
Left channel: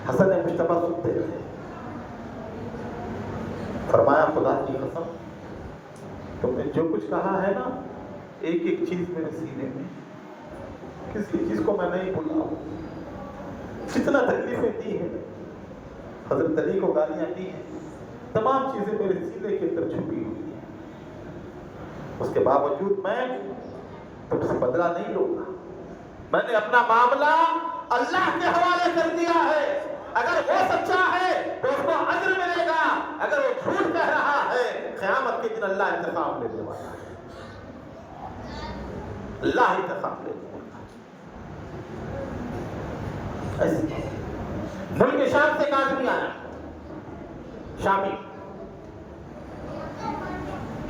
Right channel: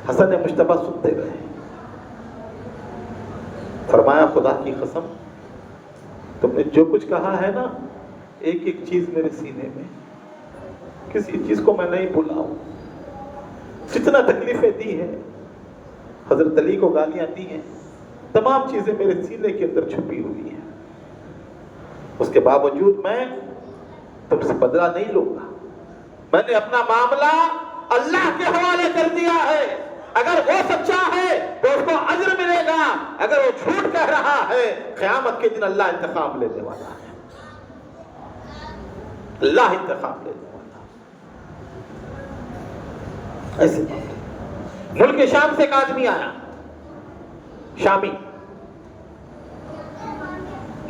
حسن نے مشتبہ سنتے رہے، فرمایا خدا کی قسم تم نے جو کچھ کہا ہے نا، ایک ایک چیز میرے سینے میں، کسی چیز کو میں نہیں بھولا ہوں، جتنا تکلیفیں دی ہیں، حضرت علی کو گالیاں دی ہیں، تمام چیزیں میرے سینے کے اندر چھپی ہوئی ہیں، اس کے باوجود میں تم سے بدلہ نہیں لوں گا، میں نے اپنا معاملہ اللہ کے حوالے کر دیا ہے، اگر وہ سچا ہے تو اس کو اجر ملے گا، اگر وہ جھوٹ کہہ رہا ہے قیامت کے دن اللہ انتقام لینے والا ہے، اللہ انتقام لینے والا ہے۔ ایسے ملک شام سے ایک آدمی آیا، شامی،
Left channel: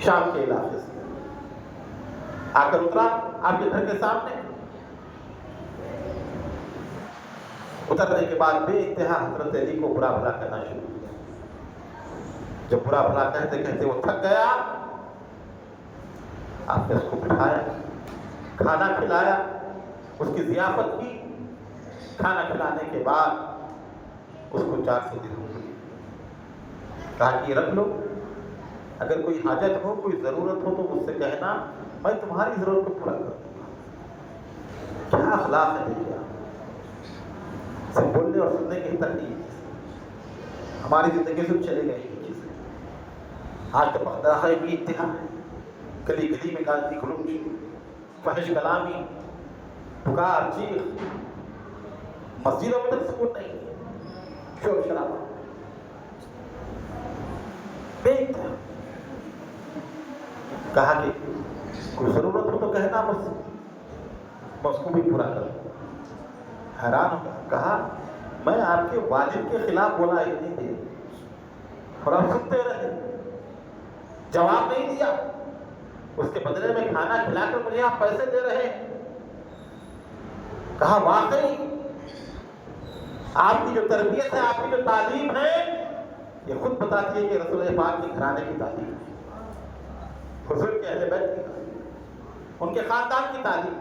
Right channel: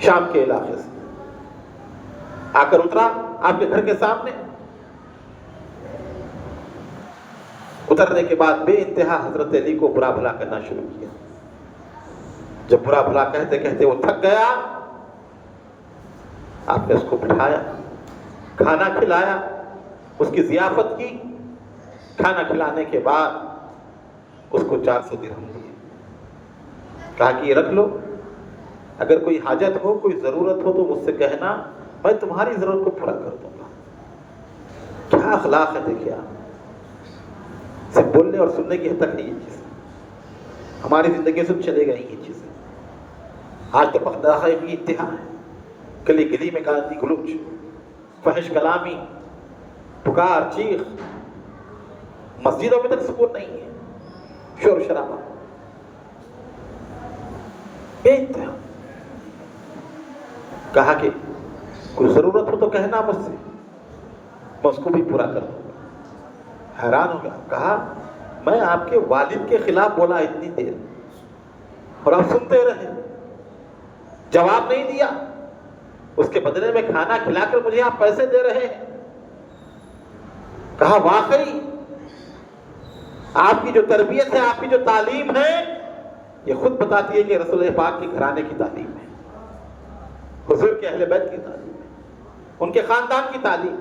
شام کے علاقے سے آ کر اترا آپ کے گھر کے سامنے، اترنے کے بعد بے انتہا حضرت علی کو برا بھلا کہنا شروع کیا۔ جب برا بھلا کہتے کہتے وہ تھک گیا، آپ نے اس کو بٹھایا، کھانا کھلایا، اس کی ضیافت کی، کھانا کھلانے کے بعد اس کو 400 درہم دیے، کہا کہ یہ رکھ لو، اگر کوئی حاجت ہو، کوئی ضرورت ہو تو مجھ سے کہنا، میں تمہاری ضرورت کو پورا کر دوں گا۔ کیا اخلاق ہے دیکھیے آپ، صرف بولنے اور سننے کی حد تک نہیں یہ چیز، ہماری زندگی سے چلے گئی یہ چیزیں۔ آج تو پختہ کی انتہا ہے، گلی گلی میں گالی گلوچ، فحش کلامی، پکار چیخ، مسجدوں میں تک سکون نہیں ہے، شور شرابہ بے انتہا۔ کہا کہ کوئی ضرورت ہو تو کہنا مجھ سے، میں اس کو بھی پورا کر دوں۔ حیران ہو گیا، کہا میں آپ کے والد کے خلاف بولا اتنی دیر اور آپ سنتے رہے، جواب نہیں دیا، اس کے بدلے میں کھانا کھلا کر مجھے آپ پیسے دے رہے ہیں۔ کہا واقعی آپ کی جو تربیت ہے، آپ کی جو تعلیم ہے، یہ خود بتاتی ہے کہ رسول پاک کے گھرانے کی تعلیم ہے، حضور کے اہل بیت کی تعلیم ہے، ان کے خاندان کی تعلیم،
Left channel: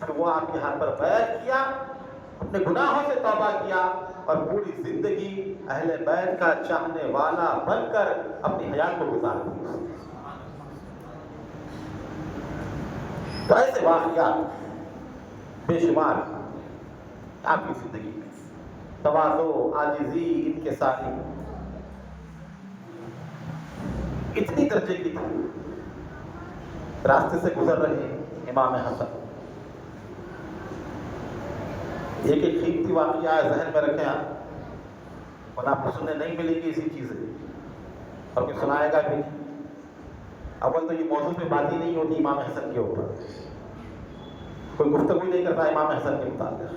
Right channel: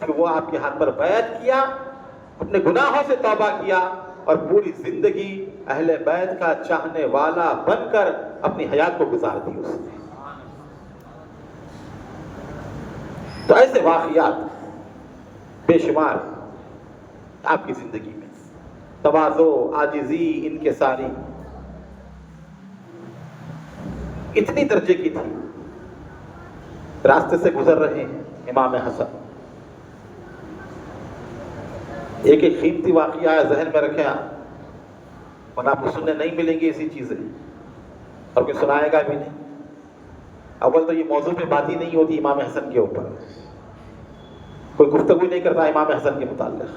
کہ وہ آپ کے ہاتھ پر بیعت کیا، اپنے گناہوں سے توبہ کیا اور پوری زندگی اہل بیت کا چاہنے والا بن کر اپنی حیات کو گزار دی اس نے۔ تو ایسے واقعات بے شمار آپ کی زندگی میں تواضع، عاجزی، انکساری اتنی درجے کی تھی. راستے سے گزر رہے ہیں امام حسن. ایک ایک قیمتی واقعہ ذہن میں رکھیں اور آپ کو سننے نہیں ملیں گی ایسی چیزیں، اور کوئی سنائے گا بھی نہیں. اول تو یہ موضوع پہ بات ہی نہیں ہوتی امام حسن کے اوپر، کوئی گفتگو نہیں کرتا امام حسن کے متعلق.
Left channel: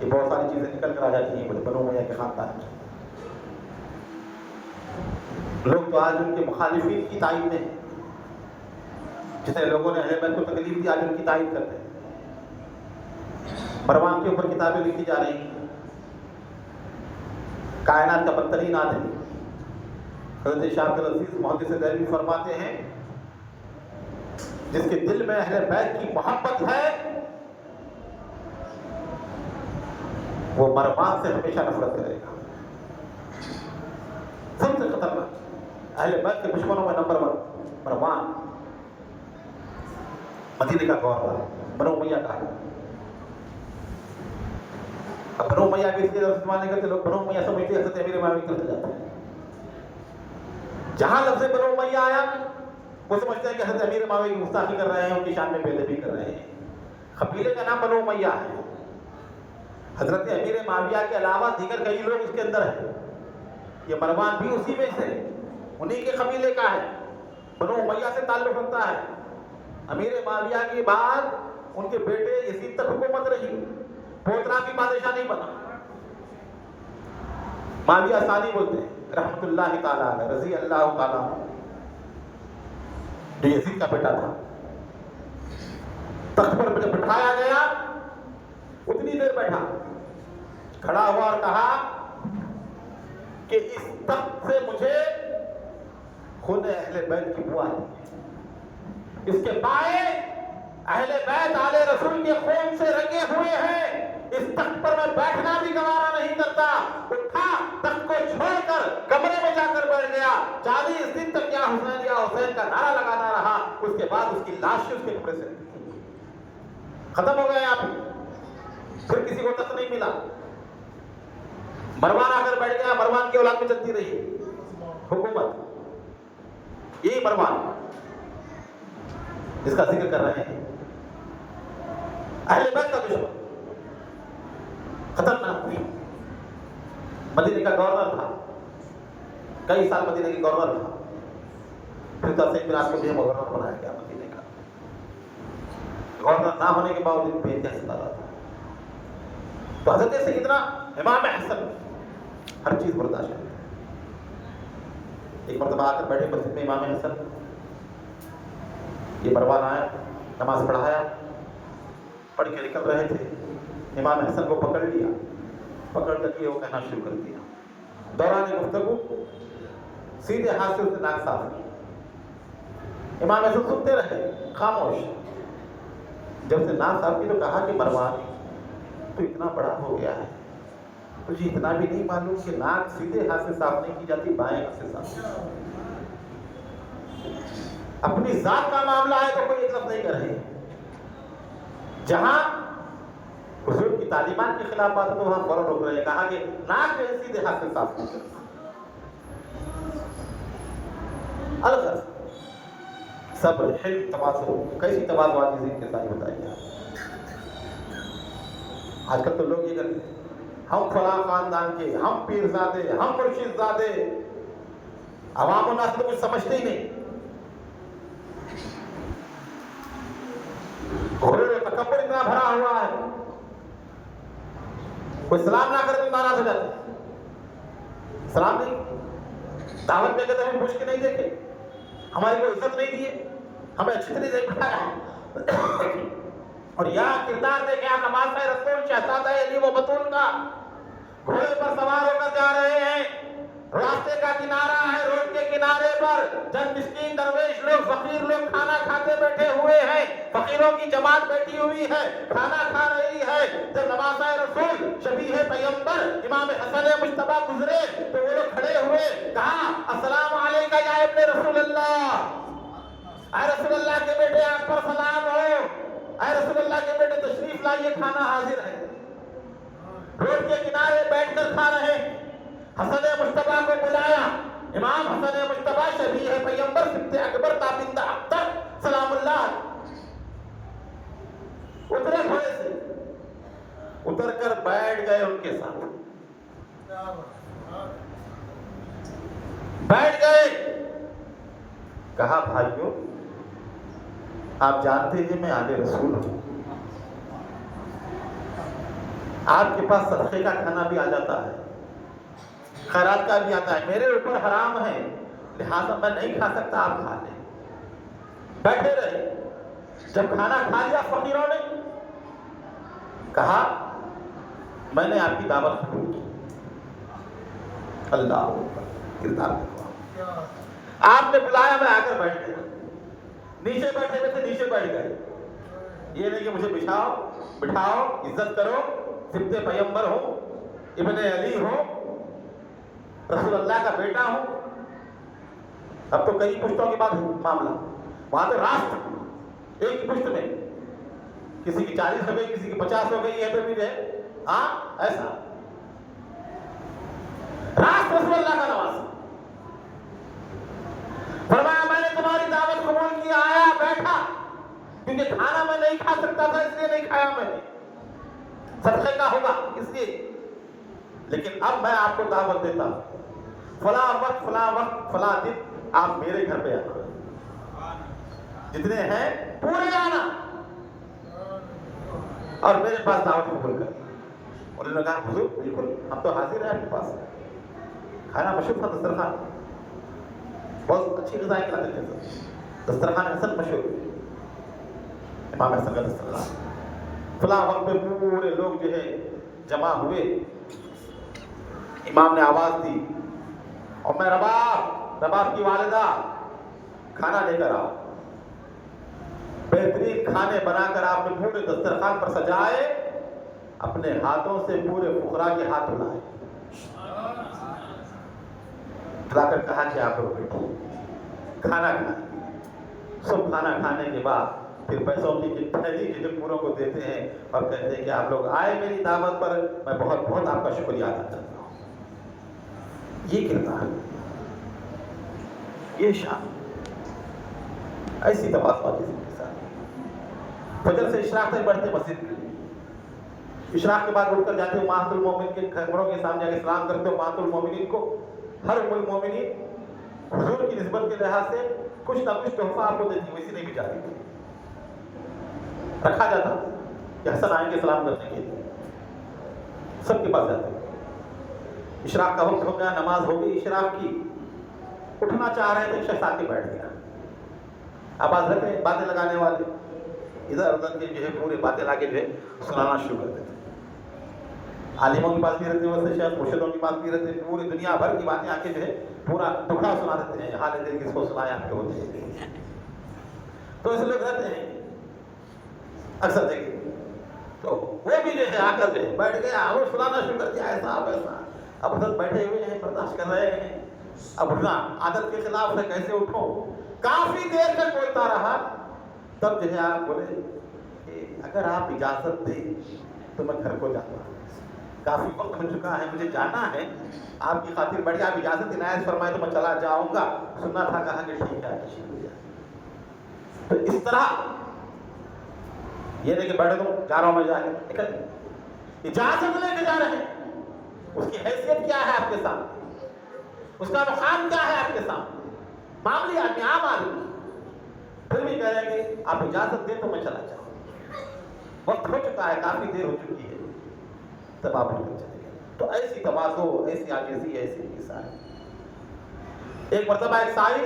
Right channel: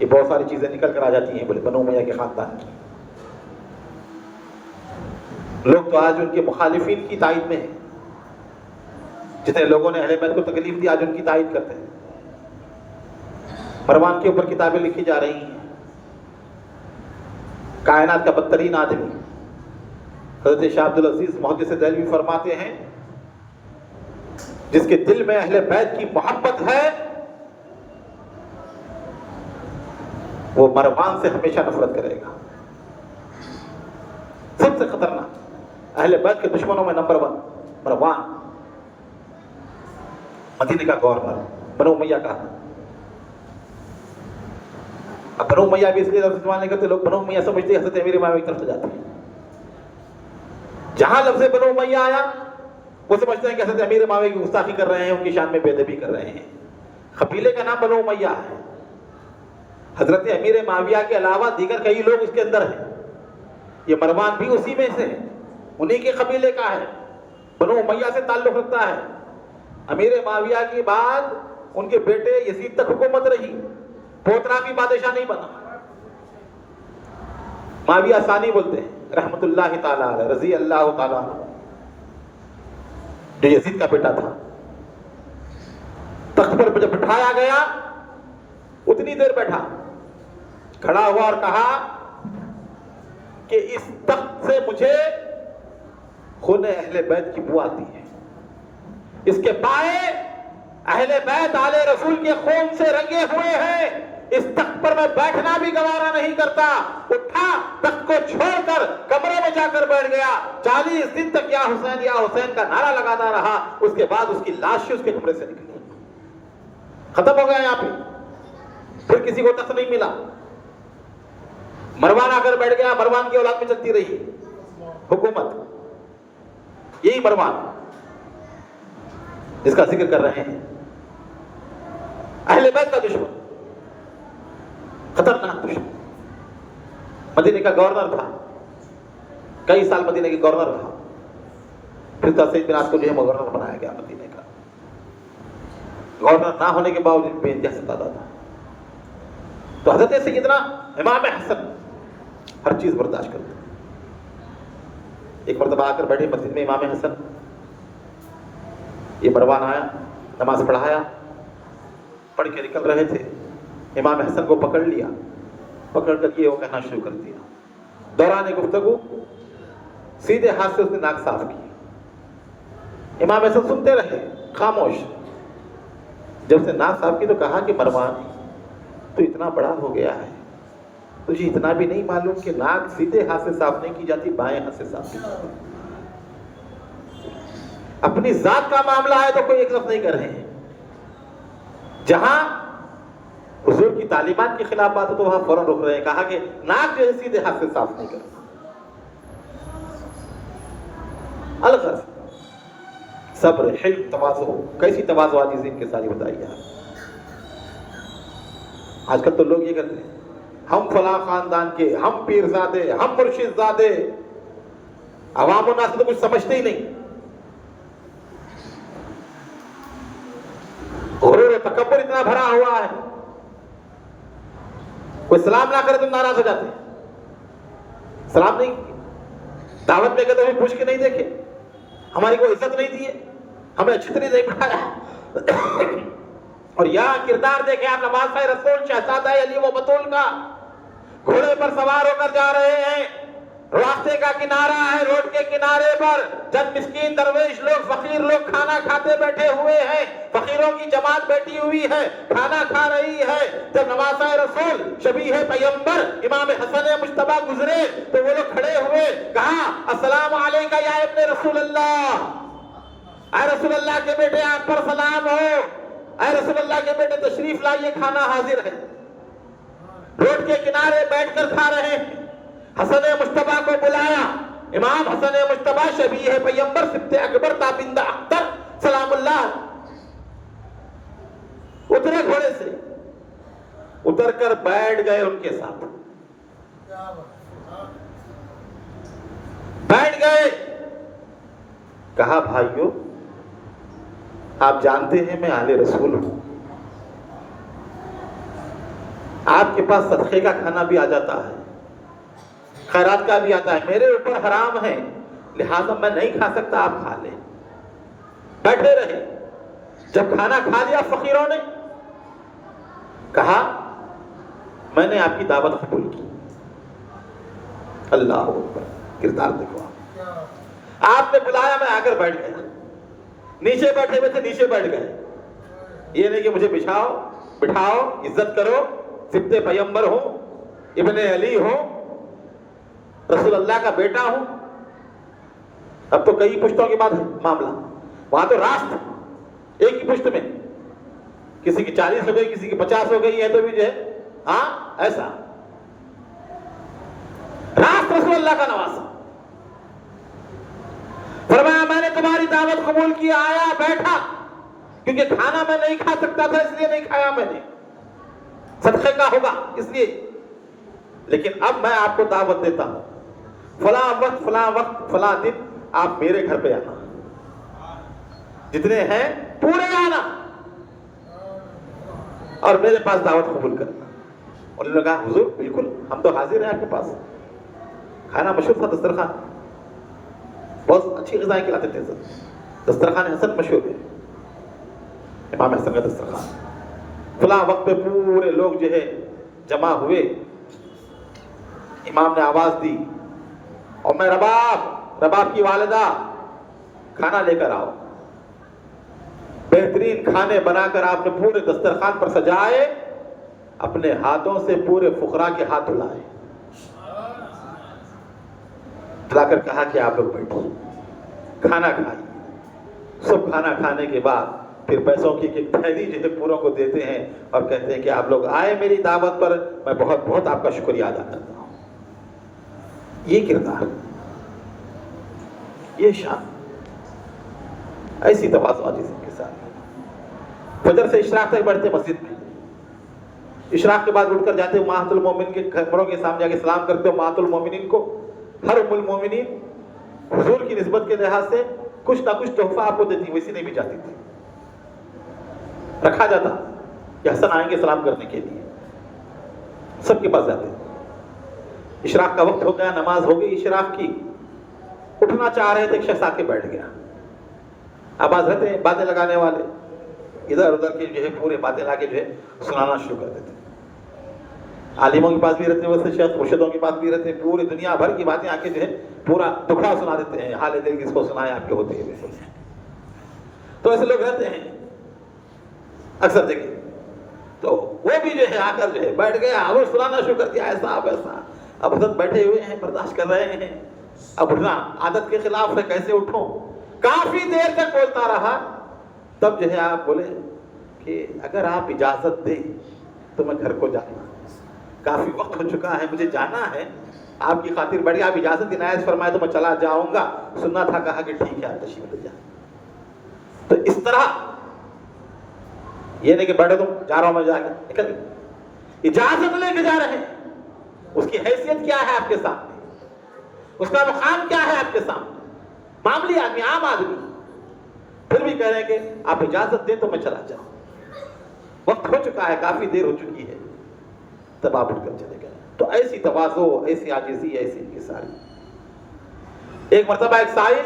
یہ بہت ساری چیزیں نکل کر آ جاتی ہیں بولے بنو امیہ کے خاندان کی. لوگ تو آج ان کے مخالفین کی تائید میں ہیں. جتنے لوگوں نے اہل بیت کو تکلیف دی آج ان کی تائید کرتے ہیں. مروان کے اوپر کتابیں لکھی جا رہی ہیں. کائنات کا بدترین آدمی حضرت شاہ عبدالعزیز محدث دہلوی فرماتے ہیں جس کے دل میں اہل بیت کی محبت ہے وہ مروان سے ہمیشہ نفرت کرے گا. سب سے خطرناک اہل بیت کے دشمنوں میں نمبر 1 مروان، مدینے کا گورنر، بنو امیہ کا. اب بنو امیہ بھی اس لیے لفظ استعمال نہیں کرتے، لوگ بنو امیہ سمجھتے ہیں حضرت امیر معاویہ کی طرف جاتے ہیں. جہاں لفظ بنو امیہ آیا وہ سمجھتے ہیں کہ حضرت امیر معاویہ کی گستاخی کر رہے ہیں، ان کی شان میں بے ادبی کر رہے ہیں. قبیلے کا نام بنو امیہ ہے. حضرت امیر معاویہ کے علاوہ دیگر کئی لوگ اس کے اندر ہیں. یہ مروان بھی اسی میں سے، انہی کے قبیلے کا ہے، بنو امیہ سے تعلق رکھتا ہے. امیر معاویہ کے بعد ان کے بیٹے یزید تک حکومت رہی، پوترا بھی بادشاہ نہیں بنا. معاویہ ثانی بولتے ہیں رحمت اللہ تعالیٰ علیہ، رضی اللہ تعالیٰ عنہ، جو یزید کا بیٹا تھا. تخت پر جب بٹھایا گیا اتنی دیر بیٹھا، کھڑا ہوا اور کہا کہ اس تخت سے مجھے خون اہل بیت کی بو آتی ہے. اس کے پائے اہل بیت آل رسول کے خون سے رنگے ہوئے ہیں. اس تخت پر میں بیٹھنا بھی گوارا نہیں کرتا. اٹھا، تخت کو چھوڑ کر کمرے میں جا کر بیٹھ گیا. 40 دن تک یا حسین کا نعرہ لگاتا رہا. اس کے بعد اس کی لاش اس کے کمرے سے نکلی. ختم ہو گیا یہاں پہ. پھر کسی کو تخت نہیں ملا. مروان آ کر بیٹھ گیا. مروان کی اولاد میں چلتی رہی حکومت. یہی مروان جس کا ذکر کر رہے ہیں، اہل بیت کا دشمن، خطرناک دشمن. مدینے کا گورنر تھا، کئی سال مدینے کے گورنر رہا. پھر سید بن عاص کو جو ہے گورنر بنایا گیا مدینے کا. گورنر نہ ہونے کے باوجود بے انتہا ستاتا تھا. تو حضرت سیدنا امام حسن ہر چیز برداشت کرتے. ایک مرتبہ آ کر بیٹھے مسجد میں امام حسن. یہ مروان آیا، نماز پڑھایا، پڑھ کے نکل رہے تھے. امام حسن کو پکڑ لیا، پکڑ کر یہ وہ کہنا شروع کر دیا. دوران گفتگو سیدھے ہاتھ سے اس نے ناک صاف کی. امام حسن سنتے رہے خاموش. جب سے ناک صاف کی تو کہا کہ مروان تو اتنا بڑا ہو گیا ہے، تجھے اتنا بھی نہیں معلوم کہ ناک سیدھے ہاتھ سے صاف نہیں کی جاتی، بائیں ہاتھ سے صاف کی جاتی. اپنی ذات کا معاملہ ہے تو کوئی ایک لفظ نہیں کر رہے ہیں. جہاں حضور کی تعلیمات کے خلاف بات ہے تو وہاں فوراً رک رہے ہیں. کہا کہ ناک جو ہے سیدھے ہاتھ سے صاف نہیں کرتا. الغرض صبر، حلم، تواضع. کیسی تواضع عاجزی ان کے ساری بتائیے آپ. آج کل تو لوگ یہ کرتے ہیں ہم فلاں خاندان کے، ہم پیر زادے، ہم مرشد زادے. عوام و ناس تو کچھ سمجھتے ہی نہیں. غرور و تکبر اتنا بھرا ہوا ہے. کوئی سلام نہ کرے تو ناراض ہو جاتے ہیں. سلام نہیں، دعوت میں کہتے ہوئے پوچھ کے نہیں دیکھے، ہماری کوئی عزت نہیں دی ہے، ہمیں اچھی طرح نہیں پڑھایا. اور یہاں کردار دیکھے آپ نواز رسول شہزادہ علی و بطول کا. گھوڑے پر سوار ہو کر جا رہے ہیں. راستے کا کنارہ ہے، روڈ کے کنارے پر چند مسکین درویش لوگ، فقیر لوگ کھانا کھاتے بیٹھے ہوئے ہیں. فقیروں کی جماعت بیٹھی ہوئی ہے، کھانا کھا رہی ہے. جب نواسہ رسول شبیہ پیغمبر امام حسن مجتبی گزرے تو وہ لوگ کھڑے ہوئے، کہا السلام علیکہ یا ابن رسول اللہ. اے رسول اللہ کے بیٹے آپ پر سلام ہو. اے رسول اللہ کے بیٹے تشریف لائیے، کھانا حاضر ہے. روڈ کے کنارے بیٹھ کر کھا رہے ہیں. حسن مصطفیٰ کو بلایا. امام حسن مصطفیٰ شبیہ پیغمبر سبط اکبر تابندہ اختر سلام اللہ اترے گھوڑے سے, اتر کر بیٹھ گئے ان کے ساتھ. بیٹھ گئے. کہا بھائیو آپ جانتے ہیں میں آل رسول ہوں, آپ کے پاس صدقے کا کھانا بھی آ جاتا ہے, خیرات کا بھی آتا ہے, میرے اوپر حرام ہے لہذا میں نہیں کھا سکتا, آپ کھا لیں. بیٹھے رہے. جب کھانا کھا لیا فقیروں نے, کہا میں نے آپ کی دعوت قبول کی. اللہ اکبر, کردار دیکھو. آپ نے بلایا, میں آ کر بیٹھ گیا. نیچے بیٹھے ہوئے تھے, نیچے بیٹھ گئے. یہ نہیں کہ مجھے بٹھاؤ, عزت کرو, سبط پیغمبر ہوں, ابن علی ہوں, رسول اللہ کا بیٹا ہوں. اب تو کئی پشتوں کے بعد معاملہ, وہاں تو راست ایک ہی پشت میں, کسی کی 40 ہو گئی, کسی کی 50 ہو گئی ہے, تو بھی جو ہے ہاں ایسا راست رسول اللہ کا نواز. فرمایا میں نے تمہاری دعوت قبول کی, آیا بیٹھا, کیونکہ کھانا میں نہیں کھا سکتا تھا اس لیے نہیں کھایا میں نے, صدقے کا ہوگا اس لیے. لیکن اب میں آپ کو دعوت دیتا ہوں, فلاں وقت فلاں دن آپ میرے گھر پہ آنا, جتنے ہیں پورے آنا اور میرے پاس دعوت قبول کرنا. انہوں نے کہا حضور بالکل ہم تو حاضر ہیں آپ کے پاس. کھانا مشہور تھا, دسترخوان بہت اچھی غذائیں کھلاتے تھے. دسترخوان حسن مشہور ہے, امام حسن کا دسترخوان. فلاں وقت پہ پورے لوگ جو ہے جمع ہوئے. امام نے آواز دی, اور میں رباب کی والدہ کھانا لے کر آؤ. بہترین کھانے بنا کر آپ نے پورے دسترخوان پر سجائے, اپنے ہاتھوں سے پورے فقراء کے ہاتھ دھلائے. دھلا کر کہا کہ آپ لوگ بیٹھو, کھانا کھائیں. سب کھانا کھانے کے بعد پھر پیسوں کی ایک تھیلی جو ہے پوروں کو دیتے ہیں اور کہتے ہیں کہ آپ لوگ آئے میری دعوت پر, میں بہت بہت آپ کا شکریہ ادا کرتا ہوں. یہ کردار, یہ شان, ایسی تواضع جسم کے ساتھ. فجر سے اشراق تک بیٹھتے مسجد میں, اشراق کے بعد اٹھ کر جاتے امہات المومنین کے گھروں کے سامنے جا کے سلام کرتے. امہات المومنین کو, ہر ام المومنین حضور کی نسبت کے لحاظ سے کچھ نہ کچھ تحفہ آپ کو دیتی, ویسی نہیں بھی جاتی تھی, رکھا جاتا کہ حسن آئیں گے سلام کرنے کے لیے. سب کے پاس جاتے. اشراق کا وقت ہو گیا, نماز ہو گئی اشراق کی, اٹھنا چاہ رہے تھے, ایک شخص آ کے بیٹھ گیا. اب حضرت باتیں لگانے والے ادھر ادھر کے جو ہے پورے باتیں لا کے جو ہے سنانا شروع کر دیتے. عالموں کے پاس بھی رہتے, ویسے شیخ مرشدوں کے پاس بھی رہتے, پوری دنیا بھر کی باتیں آ کے جو ہے پورا دکھا سنا دیتے ہیں. حال دل کس کو سنائے آپ کے ہوتے ہیں. تو ایسے لوگ رہتے ہیں اکثر دیکھیں. تو وہ بھی جو ہے آ کر جو ہے بیٹھ گیا اور سنانا شروع کر دیا, ایسا اب ایسا. اب حضرت بیٹھے ہوئے ہیں, برداشت کر رہے ہیں. اب اٹھنا عادت کے خلاف ہے, کیسے اٹھوں. کافی دیر تک بولتا رہا. تب جو ہے آپ بولے کہ اگر آپ اجازت دیں تو میں گھر کو جانا, کافی وقت ہو چکا ہے, مجھے جانا ہے. آپ کی خاطر بڑی, آپ اجازت عنایت فرمائے تو میں چلا جاؤں گا. سننا تھا, کہا کہ ٹھیک ہے آپ تشریف لے جائیں. تو اس طرح یہ نہیں کہ بیٹھے تم جا رہا ہوں میں, جا کے نکل, اجازت لے کے جا رہے ہیں. اس کی حیثیت کیا ہے آپ کے سامنے, اس کا مقام کیا ہے آپ کے سامنے. معمولی آدمی, عام آدمی, پھر بھی کہہ رہے ہیں کہ آپ اجازت دیں تو میں چلا جاؤں. وقت ہو چکا ہے, کافی دیر ہو چکی ہے. تب آپ اٹھ کر چلے گئے. تو ایسی تواضع, ایسی عاجزی, ایسی انکساری. ایک مرتبہ ایک سائل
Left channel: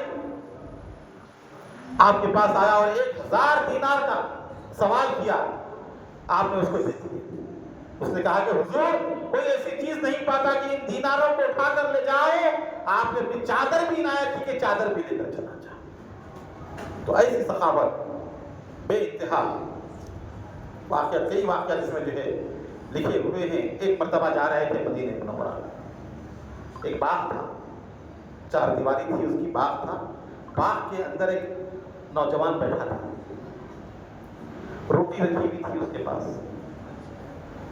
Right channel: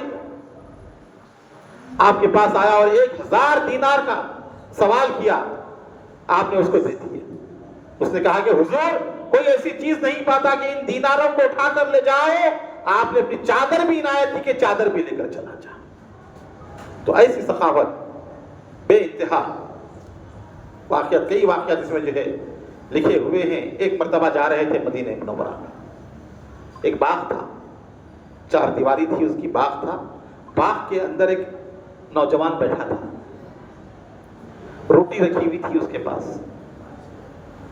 آپ کے پاس آیا اور 1000 دینار کا سوال کیا, آپ نے اس کو دے دیے. اس نے کہا کہ حضور کوئی ایسی چیز نہیں پاتا کہ ان دیناروں کو اٹھا کر لے جائے. آپ نے اپنی چادر بھی عنایت کی کہ چادر بھی لے کر چلا جا. تو ایسی سخاوت بے انتہا. واقعات, کئی واقعات اس میں جو ہے لکھے ہوئے ہیں. ایک مرتبہ جا رہے تھے مدینہ منورہ میں, ایک باغ تھا, 4 دیواری تھی اس کی, باغ تھا. باغ کے اندر ایک نوجوان بیٹھا تھا, روٹی رکھی ہوئی تھی اس کے پاس.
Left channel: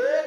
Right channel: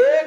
1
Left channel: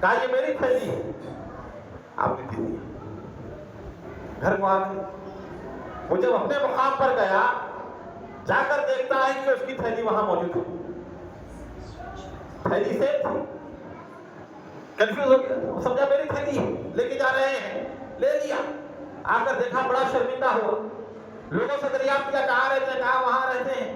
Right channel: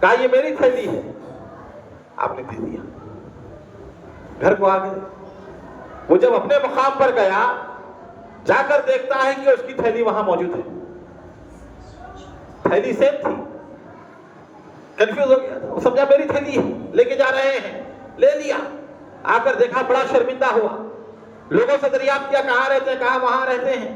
کہا یہ میری تھیلی ہے، آپ نے دے دیا، گھر کو آ گئے۔ وہ جب اپنے مقام پر گیا، جا کر دیکھتا ہے کہ اس کی تھیلی وہاں موجود ہے، تھیلی سیم تھی، کنفیوز ہو گیا، وہ سمجھا میری تھیلی ہے، لے کے جا رہے ہیں، لے لیا، آ کر دیکھا بڑا شرمندہ ہوا، لوگوں سے دریافت کیا کہاں رہتے ہیں، کہا وہاں رہتے ہیں،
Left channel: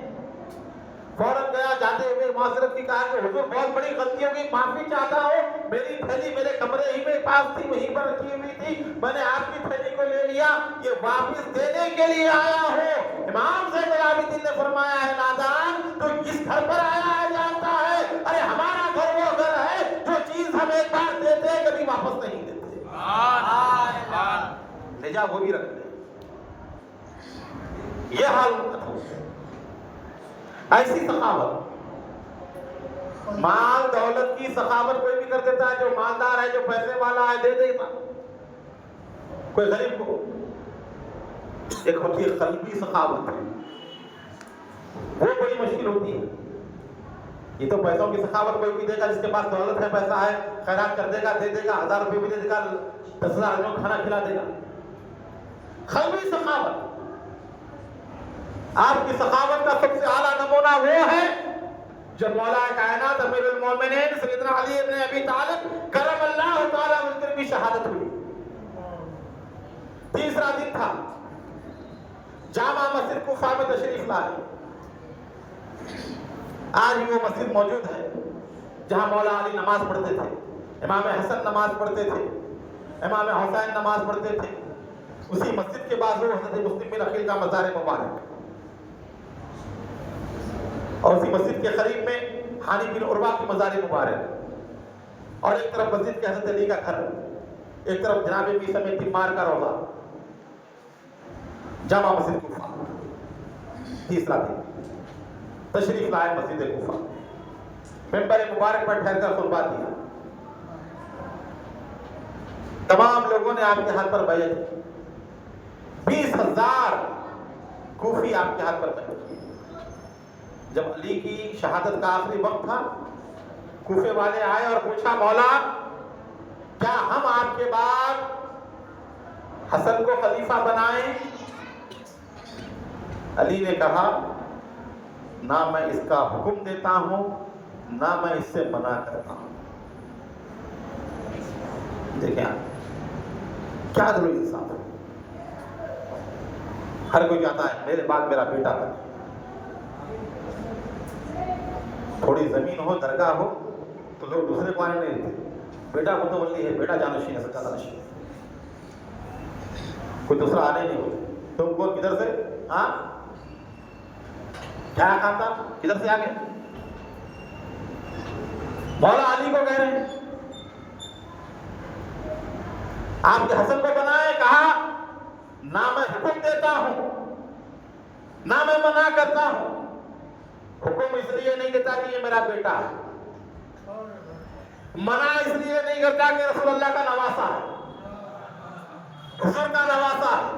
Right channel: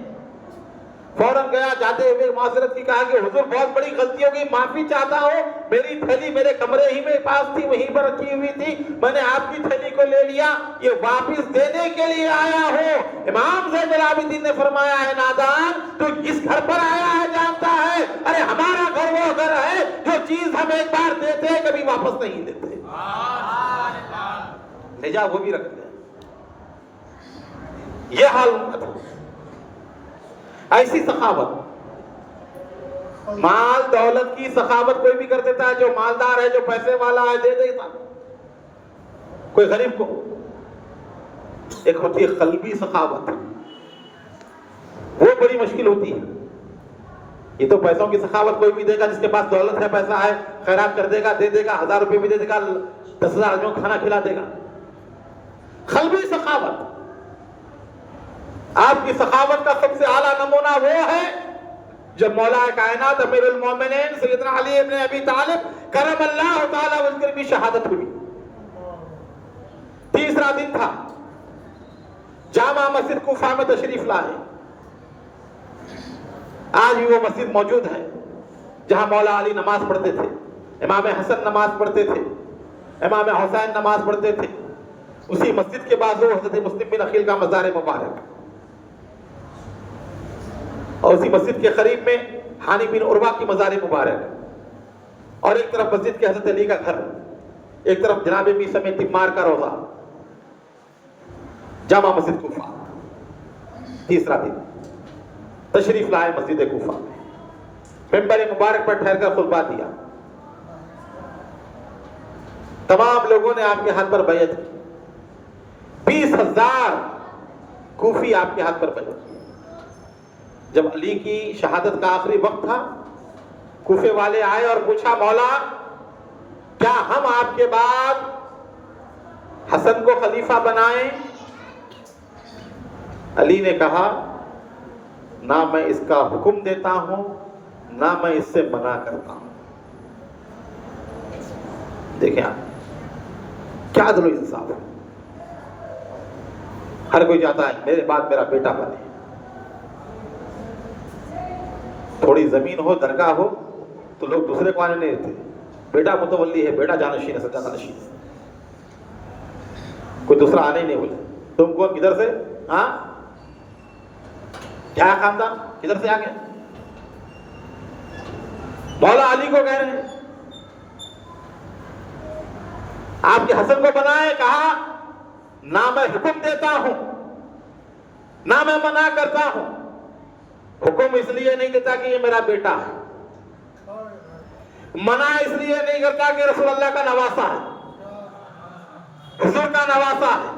فوراً گیا، جاتے ہوئے معذرت کی، کہا کہ حضور بہت بڑی غلطی ہو گئی، معافی چاہتا ہوں، میری تھیلی میرے کمرے ہی میں پاس تھی، وہیں پر رکھی ہوئی تھی، میں نے آپ کی تھیلی کو لے لیا، یہ واپس دینے کے لیے آیا ہوں۔ امام زین العابدین نے فرمایا ہے نادان تو اس گھر پر آیا ہے جانتا ہے، ارے ہمارا گھر وہ گھر ہے جو چیز ہم ایک بار دیتے ہیں کبھی واپس نہیں دیتے، لے جا وہ بھی رکھ دے۔ یہ حال ان کا تھا، ایسی سخاوت، مال دولت کی سخاوت کوئی بھی کر دیتا ہے، جو مالدار ہے، جو پیسے والا ہے، دے دیتا، کوئی غریب کو۔ ایک ہوتی ہے قلبی سخاوت، وہ بڑی مشکل ہوتی ہے۔ یہ تو پیسوں کی سخاوت کوئی بھی دے گا، جس کے پاس دولت ہے، پیسہ ہے، خیرات کر دے گا، دے دے گا، 1000 روپے بھی دے دے گا، 10,000 آدمیوں کو کھانا کھلا دے گا۔ قلبی سخاوت، آپ کی سخاوت کا سب سے اعلیٰ نمونہ وہ ہے جب مولا کائنات امیر المومنین سیدنا علی ابن ابی طالب کرم اللہ تعالی وجہ کی شہادت ہوئی۔ تیسرا دن تھا، جامع مسجد کوفہ میں تشریف لائے، آج بھی وہ مسجد موجود ہے جہاں مولا علی نماز پڑھتے تھے، امام حسن نماز پڑھتے تھے، امام حسین نماز پڑھتے تھے۔ اسی مسجد کے بازو حضرت مسلم بن عقیل کا مزار مبارک، اور اسی مسجد کے قریب میں حانی بن عروہ کی مزار مبارک، اور ایک طرف مسجد کے حضرت علی کا گھر، ایک طرف جناب عیسی میں تمار کا روضہ، جامع مسجد کوفہ۔ تیسرا دن تشریف لائے مسجد کوفہ، ممبر مبارک پر ٹھہر کر خطبہ دیا، تمام لوگوں نے آپ کے ہاتھ پر بیعت کی، 20,000 کوفی آپ کے ہاتھ پر بیعت کی۔ جب علی کی شہادت کا آخری وقت تھا، کوفے والے آئے اور پوچھا مولا کیا ہم آپ کے بعد حسن کو خلیفہ بنائیں؟ علی نے کہا نہ میں اس کا حکم دیتا ہوں نہ میں اس سے منع کرتا ہوں۔ دیکھیں آپ کیا عدل و انصاف ہے، ہر کوئی چاہتا ہے میرے بعد میرا بیٹا بنے، تھوڑی زمین ہو، درگاہ ہو تو لوگ دوسرے کو آنے نہیں دیتے، بیٹا متولی ہے، بیٹا جانشین ہے، سچا جانشین ہے، کوئی دوسرا آنے نہیں بولے۔ تم کون، کدھر سے، ہاں کیا خاندان، کدھر سے آ گئے؟ مولا علی کو کہہ رہے ہیں آپ کے حسن کو بنائے، کہا نہ میں حکم دیتا ہوں نہ میں منع کرتا ہوں، حکم اس لیے نہیں دیتا کہ یہ میرا بیٹا ہے، منع اس لیے نہیں کرتا کہ رسول اللہ کا نواسا ہے، حضور کا نواسا ہے،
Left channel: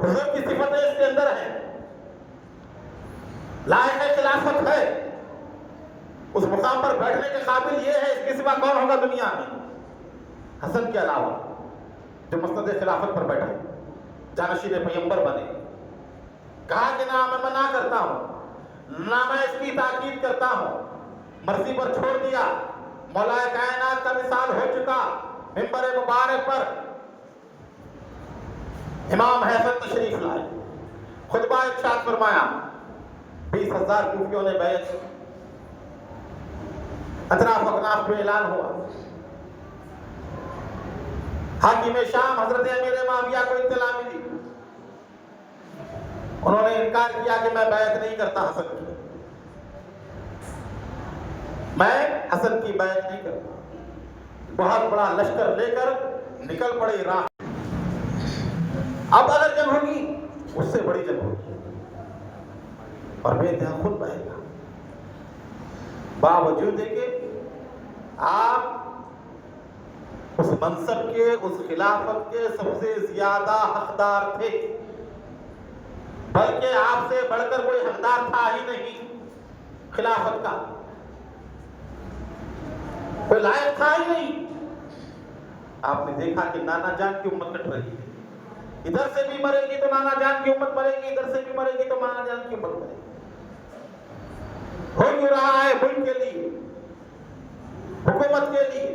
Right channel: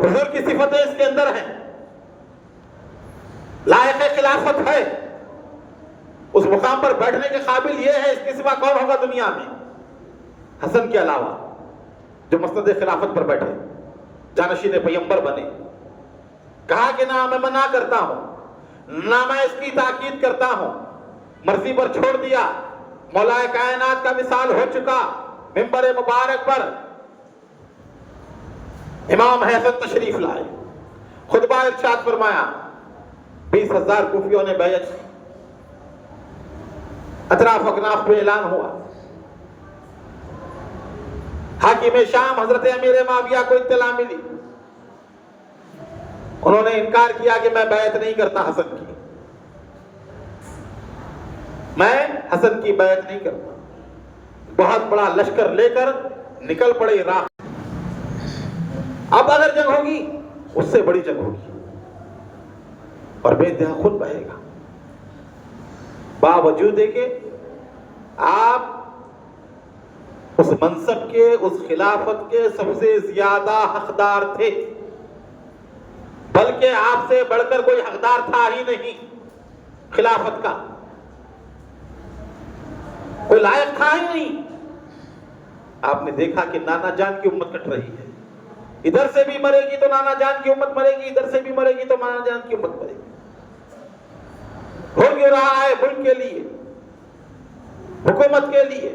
حضور کی صفتیں اس کے اندر ہے، لائق خلافت ہے، اس مقام پر بیٹھنے کے قابل یہ ہے، اس کے سوا کون ہوگا دنیا میں حسن کے علاوہ جو مسند خلافت پر بیٹھے، جانشین پیغمبر بنے۔ کہا کہ نہ میں منع کرتا ہوں نہ میں اس کی تاکید کرتا ہوں، مرضی پر چھوڑ دیا۔ مولا کائنات کا مثال ہو چکا، ممبر مبارک پر امام حسن تشریف لائے، خطبہ ارشاد فرمایا، 20,000 کوفیوں نے بیعت، اطراف اکناف پہ اعلان ہوا، حاکم شام حضرت امیر معاویہ کو اطلاع ملی، انہوں نے انکار کیا کہ میں بیعت نہیں کرتا حسن کی، میں حسن کی بیعت نہیں کرتا۔ بہت بڑا لشکر لے کر نکل پڑے راہ، اب اگر جنگ ہوگی اس سے بڑی جنگ ہوگی اور بے انتہا خون بہے گا، باوجود ہے کہ آپ اس منصب کے، اس خلافت کے سب سے زیادہ حقدار تھے، بلکہ آپ سے بڑھ کر کوئی حقدار تھا ہی نہیں خلافت کا۔ کوئی لائق تھا ہی نہیں. آپ نے دیکھا کہ نانا جان کی امت کٹ رہی ہے. ادھر سے بھی مرے گی تو نانا جان کی امت مرے گی, ادھر سے بھی مرے گی تو نانا جان کی امت مرے گی. ہو کیوں رہا ہے؟ ملک کے لیے, حکومت کے لیے.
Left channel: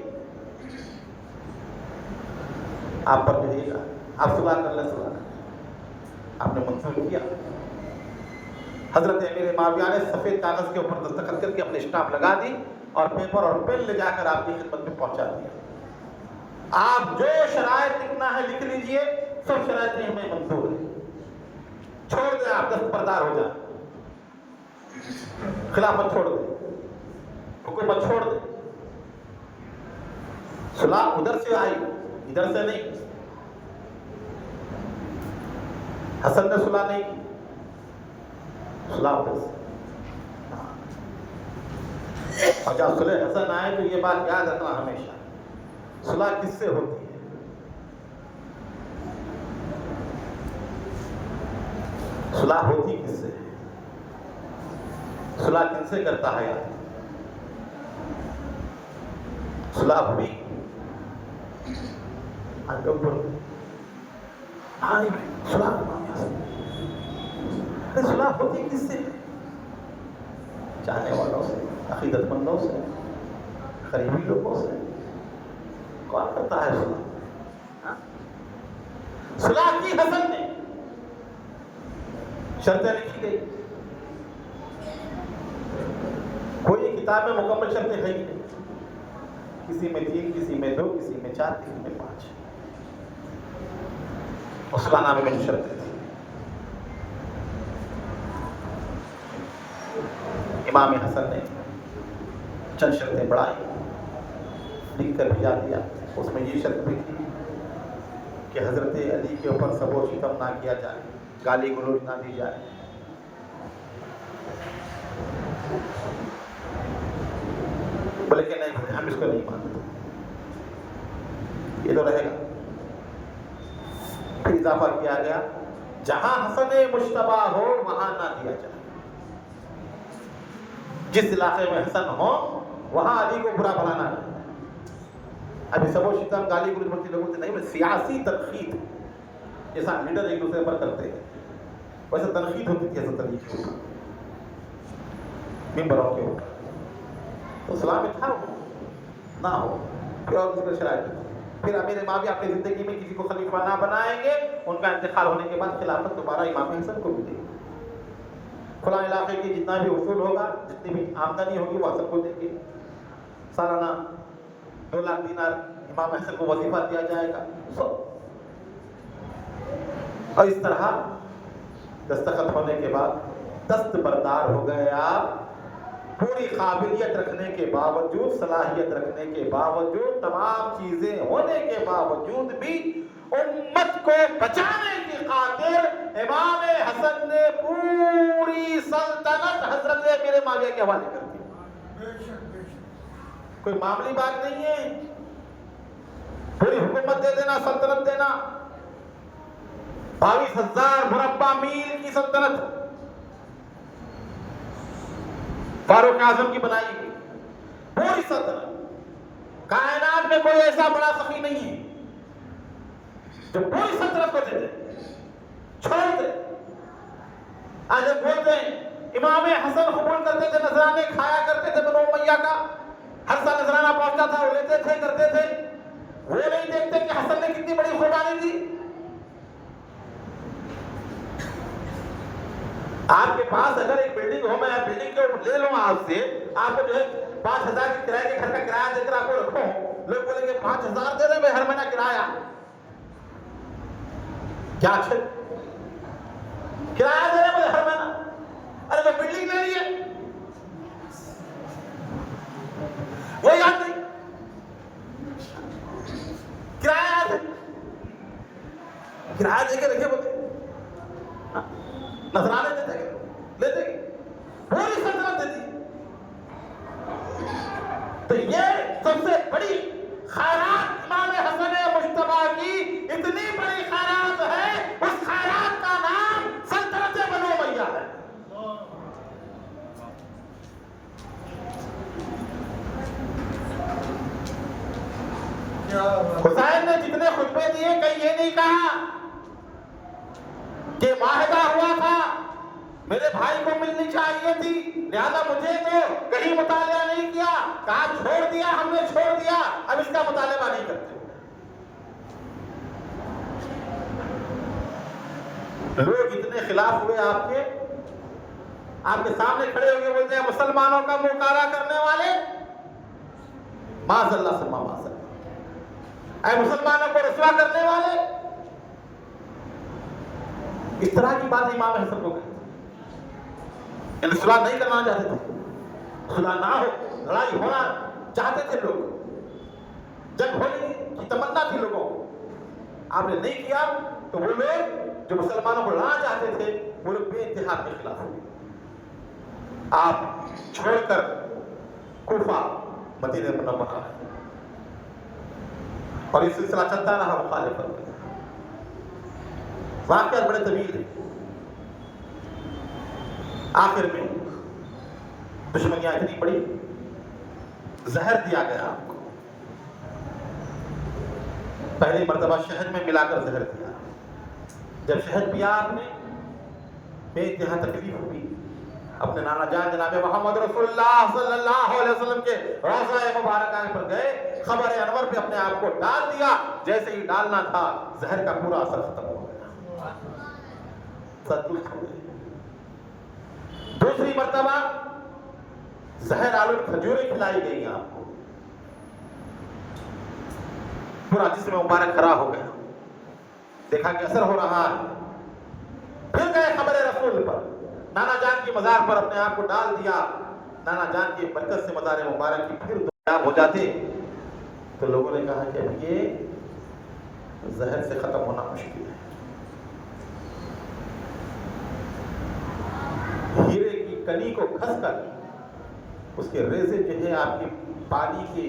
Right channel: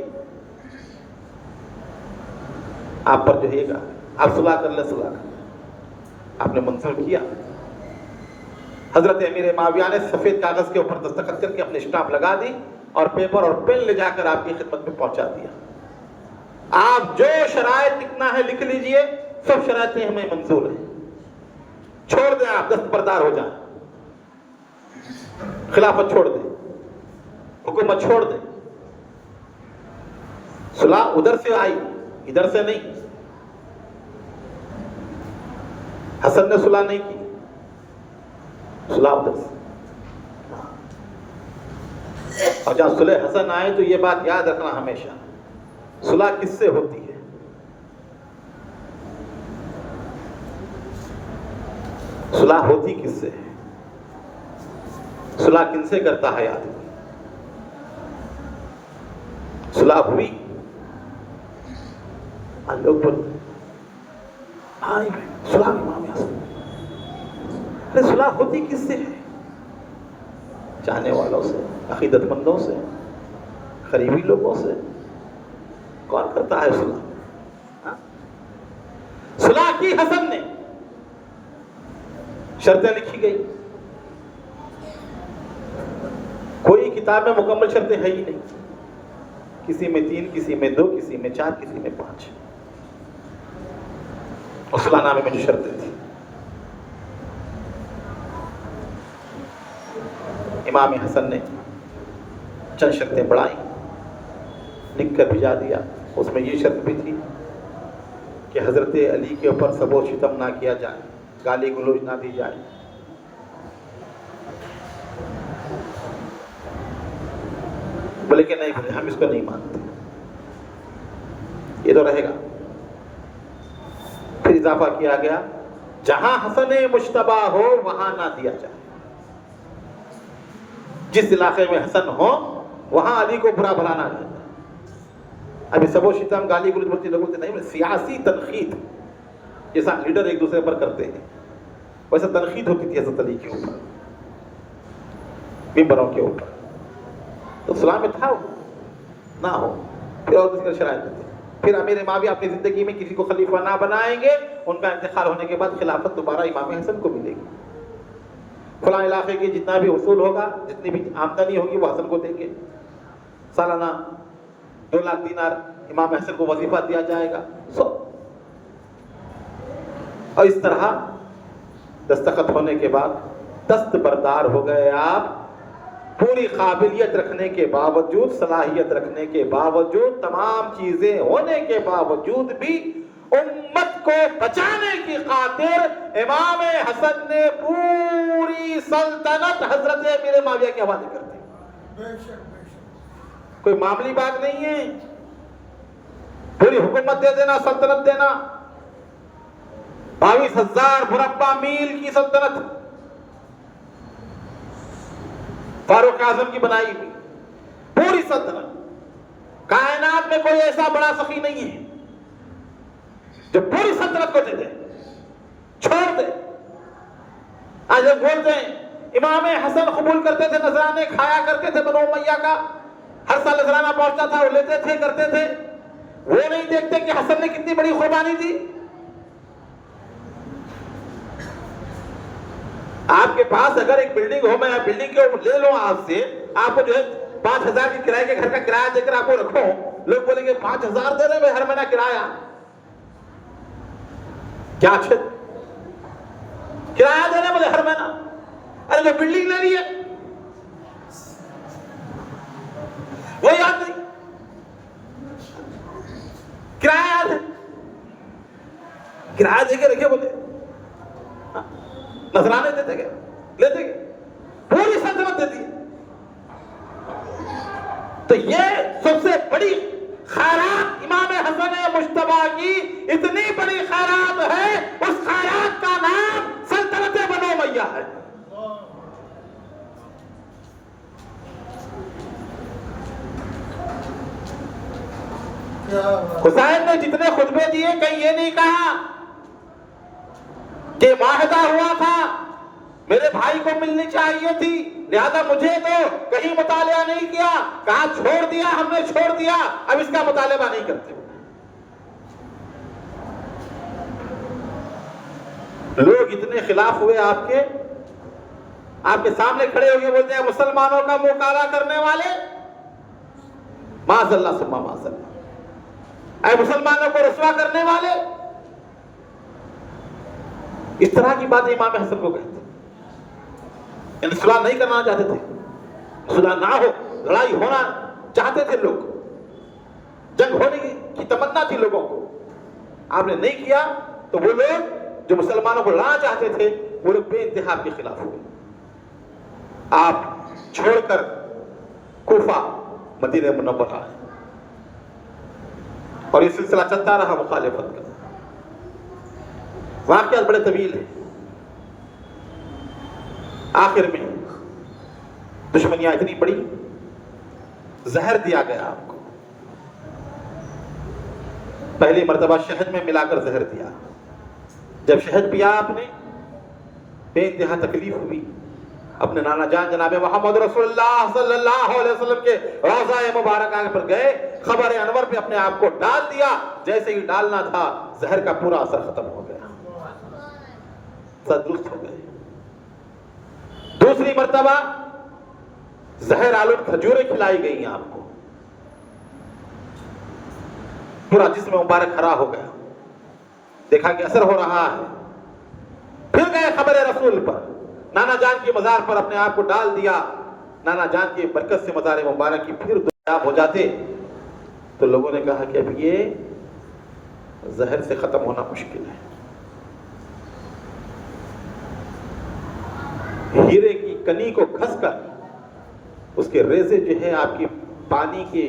آپ پر جو ہے گا, آپ صلح کر لیں, صلح آپ نے منظور کیا. حضرت امیر معاویہ نے سفید کاغذ کے اوپر دستخط کر کے اپنے اسٹامپ لگا دی اور پیپر اور پین لے جا کر آپ کی خدمت میں پہنچا دیا. آپ جو شرائط لکھنا ہے لکھ لیجئے, سب شرائطیں ہمیں منظور ہیں. چھوڑ دیں, آپ دستبردار ہو جائیں, خلافت چھوڑ دیں, حکومت چھوڑ دیں. صلح ادھر سے آئی, ادھر سے نہیں. حسن نے صلح نہیں کی, صلح ادھر سے. اور جہاں صلح حسن آئے تو یہ بات یاد رکھنا ہمیشہ, صلح کس سے ہوتی ہے؟ صلح ہوتی کس سے ہے؟ صلح کن سے کرتا ہے آدمی؟ صلح ہوئی, لوگ بولتے صلح صلح ہوتی کس سے ہے؟ چاہنے والوں سے, عقیدت مندوں سے, قریبی لوگوں سے. کون کرتا ہے صلح؟ صلح کی حسن نے, شرطیں لکھی گئی. کوئی کتاب میں مکمل شرطیں ہے ہی نہیں. کسی میں 3, کسی میں 2, کسی میں 4, کسی میں 5. اور صلح نامے میں جو شرطیں تھیں, امام حسن نے چند شرطیں بڑھائی, لکھ کر بھیجا دیا. اس میں یہ شرط بھی تھی کہ حضرت علی کے اوپر سب و شتم نہ کیا جائے, گالی گلوچ نہ دی جائے. بولے کہ نہیں بولے, ہم اس کو نہیں مانتے, یہ تو رہے گا. پھر اضافہ کیا گیا, جہاں حسن مشتبہ ہو وہاں نہ دیا جائے. جس علاقے میں حسن ہو وہاں علی کو برا بھلا نہ. ابھی سب و شتم گالی گلوچ بولتے لوگوں سے نہیں, سیاسی تنقید جیسا لیڈر ایک دوسرے پر کرتے ہیں ویسا تنقید ہوتی تھی حضرت علی کے اوپر, ممبروں کے اوپر. تو صلح میں تھا وہ نہ ہو. پھر اور دوسری شرائط ہوتی. پھر امیر معاویہ اپنی زندگی میں کسی کو خلیفہ نہ بنائیں گے, ان کا انتقال ہونے کے بعد خلافت دوبارہ امام حسن کو ملے گی. فلاں علاقے کی جتنا بھی اصول ہوگا, جتنی بھی آمدنی ہوگی وہ حسن کو دیں گے. سالانہ 2 لاکھ دینار امام حسن کو وظیفہ دیا جائے گا. اور اس طرح دستخط ہونے کے بعد دست بردار ہو گئے آپ. پوری قابلیت رکھنے کے باوجود, صلاحیت رکھنے کے باوجود, تمام چیزیں ہونے کے باوجود بھی امت کو بچانے کی خاطر امام حسن نے پوری سلطنت حضرت امیر معاویہ کے حوالے کر دی. کوئی معمولی بات نہیں ہے. پوری حکومت دے دینا, سلطنت دینا, 22,000 مربع میل کی سلطنت فاروق اعظم کی بنائی ہوئی پوری سلطنت. کائنات میں کوئی ایسا بڑا سخی نہیں ہے جو پوری سلطنت کو دے دے, چھوڑ دے. آج لوگ بولتے ہیں امام حسن قبول کرتے تھے, نذرانے کھایا کرتے تھے بنو امیہ کا, ہر سال نذرانہ پہنچتا تھا, وہ لیتے تھے, کرتے تھے. وہ نہیں دیکھتے کہ حسن نے کتنی بڑی قربانی دی. آپ کے پاس اگر ایک بلڈنگ ہو, میں بلڈنگ کے اوپر لے لوں آپ سے, آپ کو جو ہے 5,000 کی کرائے کے گھر کا کرایہ دے کر آپ کو رکھو, لوگ بولیں گے 5,000 دے دیں میں ہر مہینہ کرایہ. کیا اچھے کرایہ دینے بولے ہر مہینہ. ارے جو بلڈنگ لے رہی ہے وہ یاد نہیں, کرایہ ہے, کرایہ دے کے رکھے بولے نذرانے دیتے گئے, لیتے گئے, پوری سلطنت دیتی ہے. تو یہ سب سے بڑی خیرات امام حسن مجتبیٰ کی, اتنی بڑی خیرات ہے, اس خیرات کا نام سلطنت بنو امیہ ہے. حسین نے جتنے خطبے دیے کہیں یہ نہیں کہا کہ معاہدہ ہوا تھا میرے بھائی کو ملنی چاہیے تھی لہذا مجھے تو کہیں مطالعہ نہیں کیا، کہا چھوڑ دیا، ہم نے چھوڑ دیا، اب اس کا مطالبہ نہیں کرتے۔ لوگ اتنے خلاف ہوئے آپ کے سامنے کھڑے ہو کے بولتے ہیں مسلمانوں کا منہ کالا کرنے والے، معاذ اللہ ثم معاذ اللہ، اے مسلمانوں کو رسوا کرنے والے، اس طرح کی بات امام حسن کو کہتے ہیں۔ صلح نہیں کرنا چاہتے تھے، صلح نہ ہو، لڑائی ہونا چاہتے تھے لوگ، جنگ ہونے کی تمنا تھی لوگوں کو، آپ نے نہیں کیا تو وہ لوگ جو مسلمانوں کو لانا چاہتے تھے وہ لوگ بے انتہا آپ کے خلاف ہوئے۔ آپ چھوڑ کر کوفہ مدینہ منورہ ہے اور یہ سلسلہ چلتا رہا مخالفت کا۔ واقعات بڑے طویل ہیں، آخر میں دشمنیاں اتنی بڑی، زہر دیا گیا آپ کو، پہلی مرتبہ شہد میں ملا کر زہر دیا، جب شہد پیا آپ نے بے انتہا تکلیف ہوئی، اپنے نانا جان جناب محمد رسول اللہ صلی اللہ علیہ وسلم کے روضہ مبارکہ پر گئے، خبر انور پہ اپنے آپ کو ڈال دیا، جیسے ہی ڈالنا تھا زہر کا پورا اثر ختم ہو گیا، تندرست ہو گئے۔ دوسری مرتبہ زہر آلود کھجوریں کھلائی گئی آپ کو، پورا جسم مبارک خراب ہو گیا، دیکھا کہ اثر ہو رہا ہے، پھر گئے خبر رسول پر، نانا جان کی مزار پر اپنے آپ کو ڈال دیا، نانا جان کی برکت سے مزار مبارک کی پھر دریاب ہو جاتے، تو لوگوں نے کہا کہ اب یہ زہر سے ختم ہونا مشکل ہے۔ ہیرے کی کنی کو گھس کر اس کے ریزے جو ہے آپ کی پانی کی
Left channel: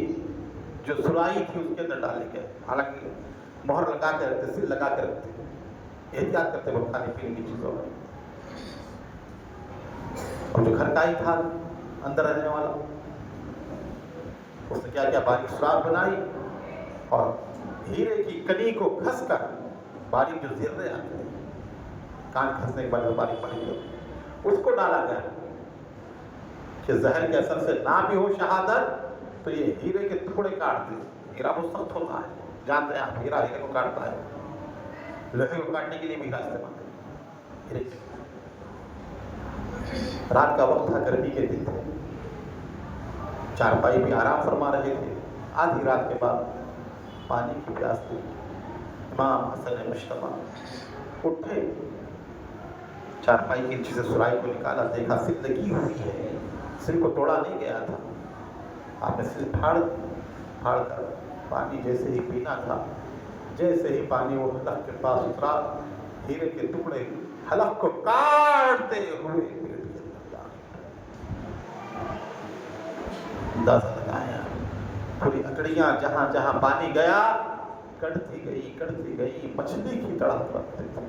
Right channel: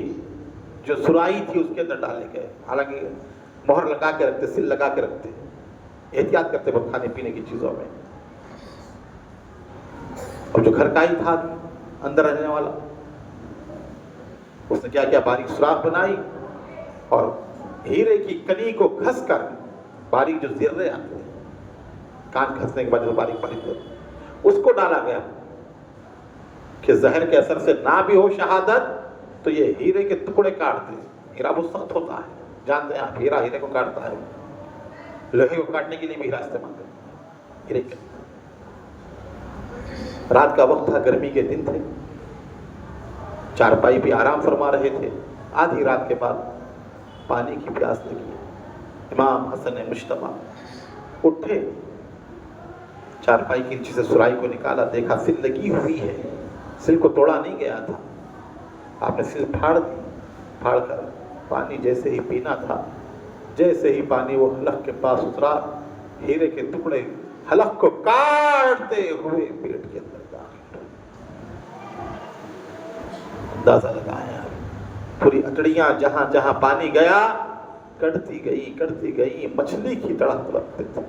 جو سرائی تھی اس کے اندر ڈالے گئے، حالانکہ مہر لگا کے رکھتے، سل لگا کے رکھتے، احتیاط کرتے وہ کھانے پینے کی چیزوں میں، اور جو گھر کا ہی تھا اندر رہنے والا، اس نے کیا کیا، باریک سوراخ بنائی اور ہیرے کی کنی کو گھس کر باریک جو زرے آتے ہیں، کان گھسنے کے بعد جو باریک باریک اس کو ڈالا گیا کہ زہر کے اثر سے نہ بھی ہو شہادت تو یہ ہیرے کے ٹکڑے کاٹ دیں۔ ہیرا مصطفیٰ ہوتا ہے، جانتے ہیں آپ، ہیرا ہیرے کو کاٹتا ہے، لوہے کو کاٹنے کے لیے بھی ہیرا استعمال کرتے ہیرے کے۔ رات کا وقت تھا، گرمی کے دن تھے، چارپائی بھی آرام فرما رہے تھے، آدھی رات کے بعد پانی کی پیاس لگی، امام حسن مشتبہ اٹھے، چارپائی کی نیچے سے سرائی کو نکالا، دیکھا سل لگی ہوئی ہے، سل کو توڑا نہیں گیا تھا، آپ نے سل پھاڑ دی، پھاڑ کر پانی جیسے ہی پینا تھا، جیسے ہی پانی وہ حلق کے پاس اترا، ہیرے کے ٹکڑے حلق کو کاٹتے ہوئے پیٹ کے اندر داخل، اندازہ لگایا، پوری اٹڑیاں جہاں جہاں پانی گیا کٹتی گئی، مچھلی کی تڑپ رکھتے تھے۔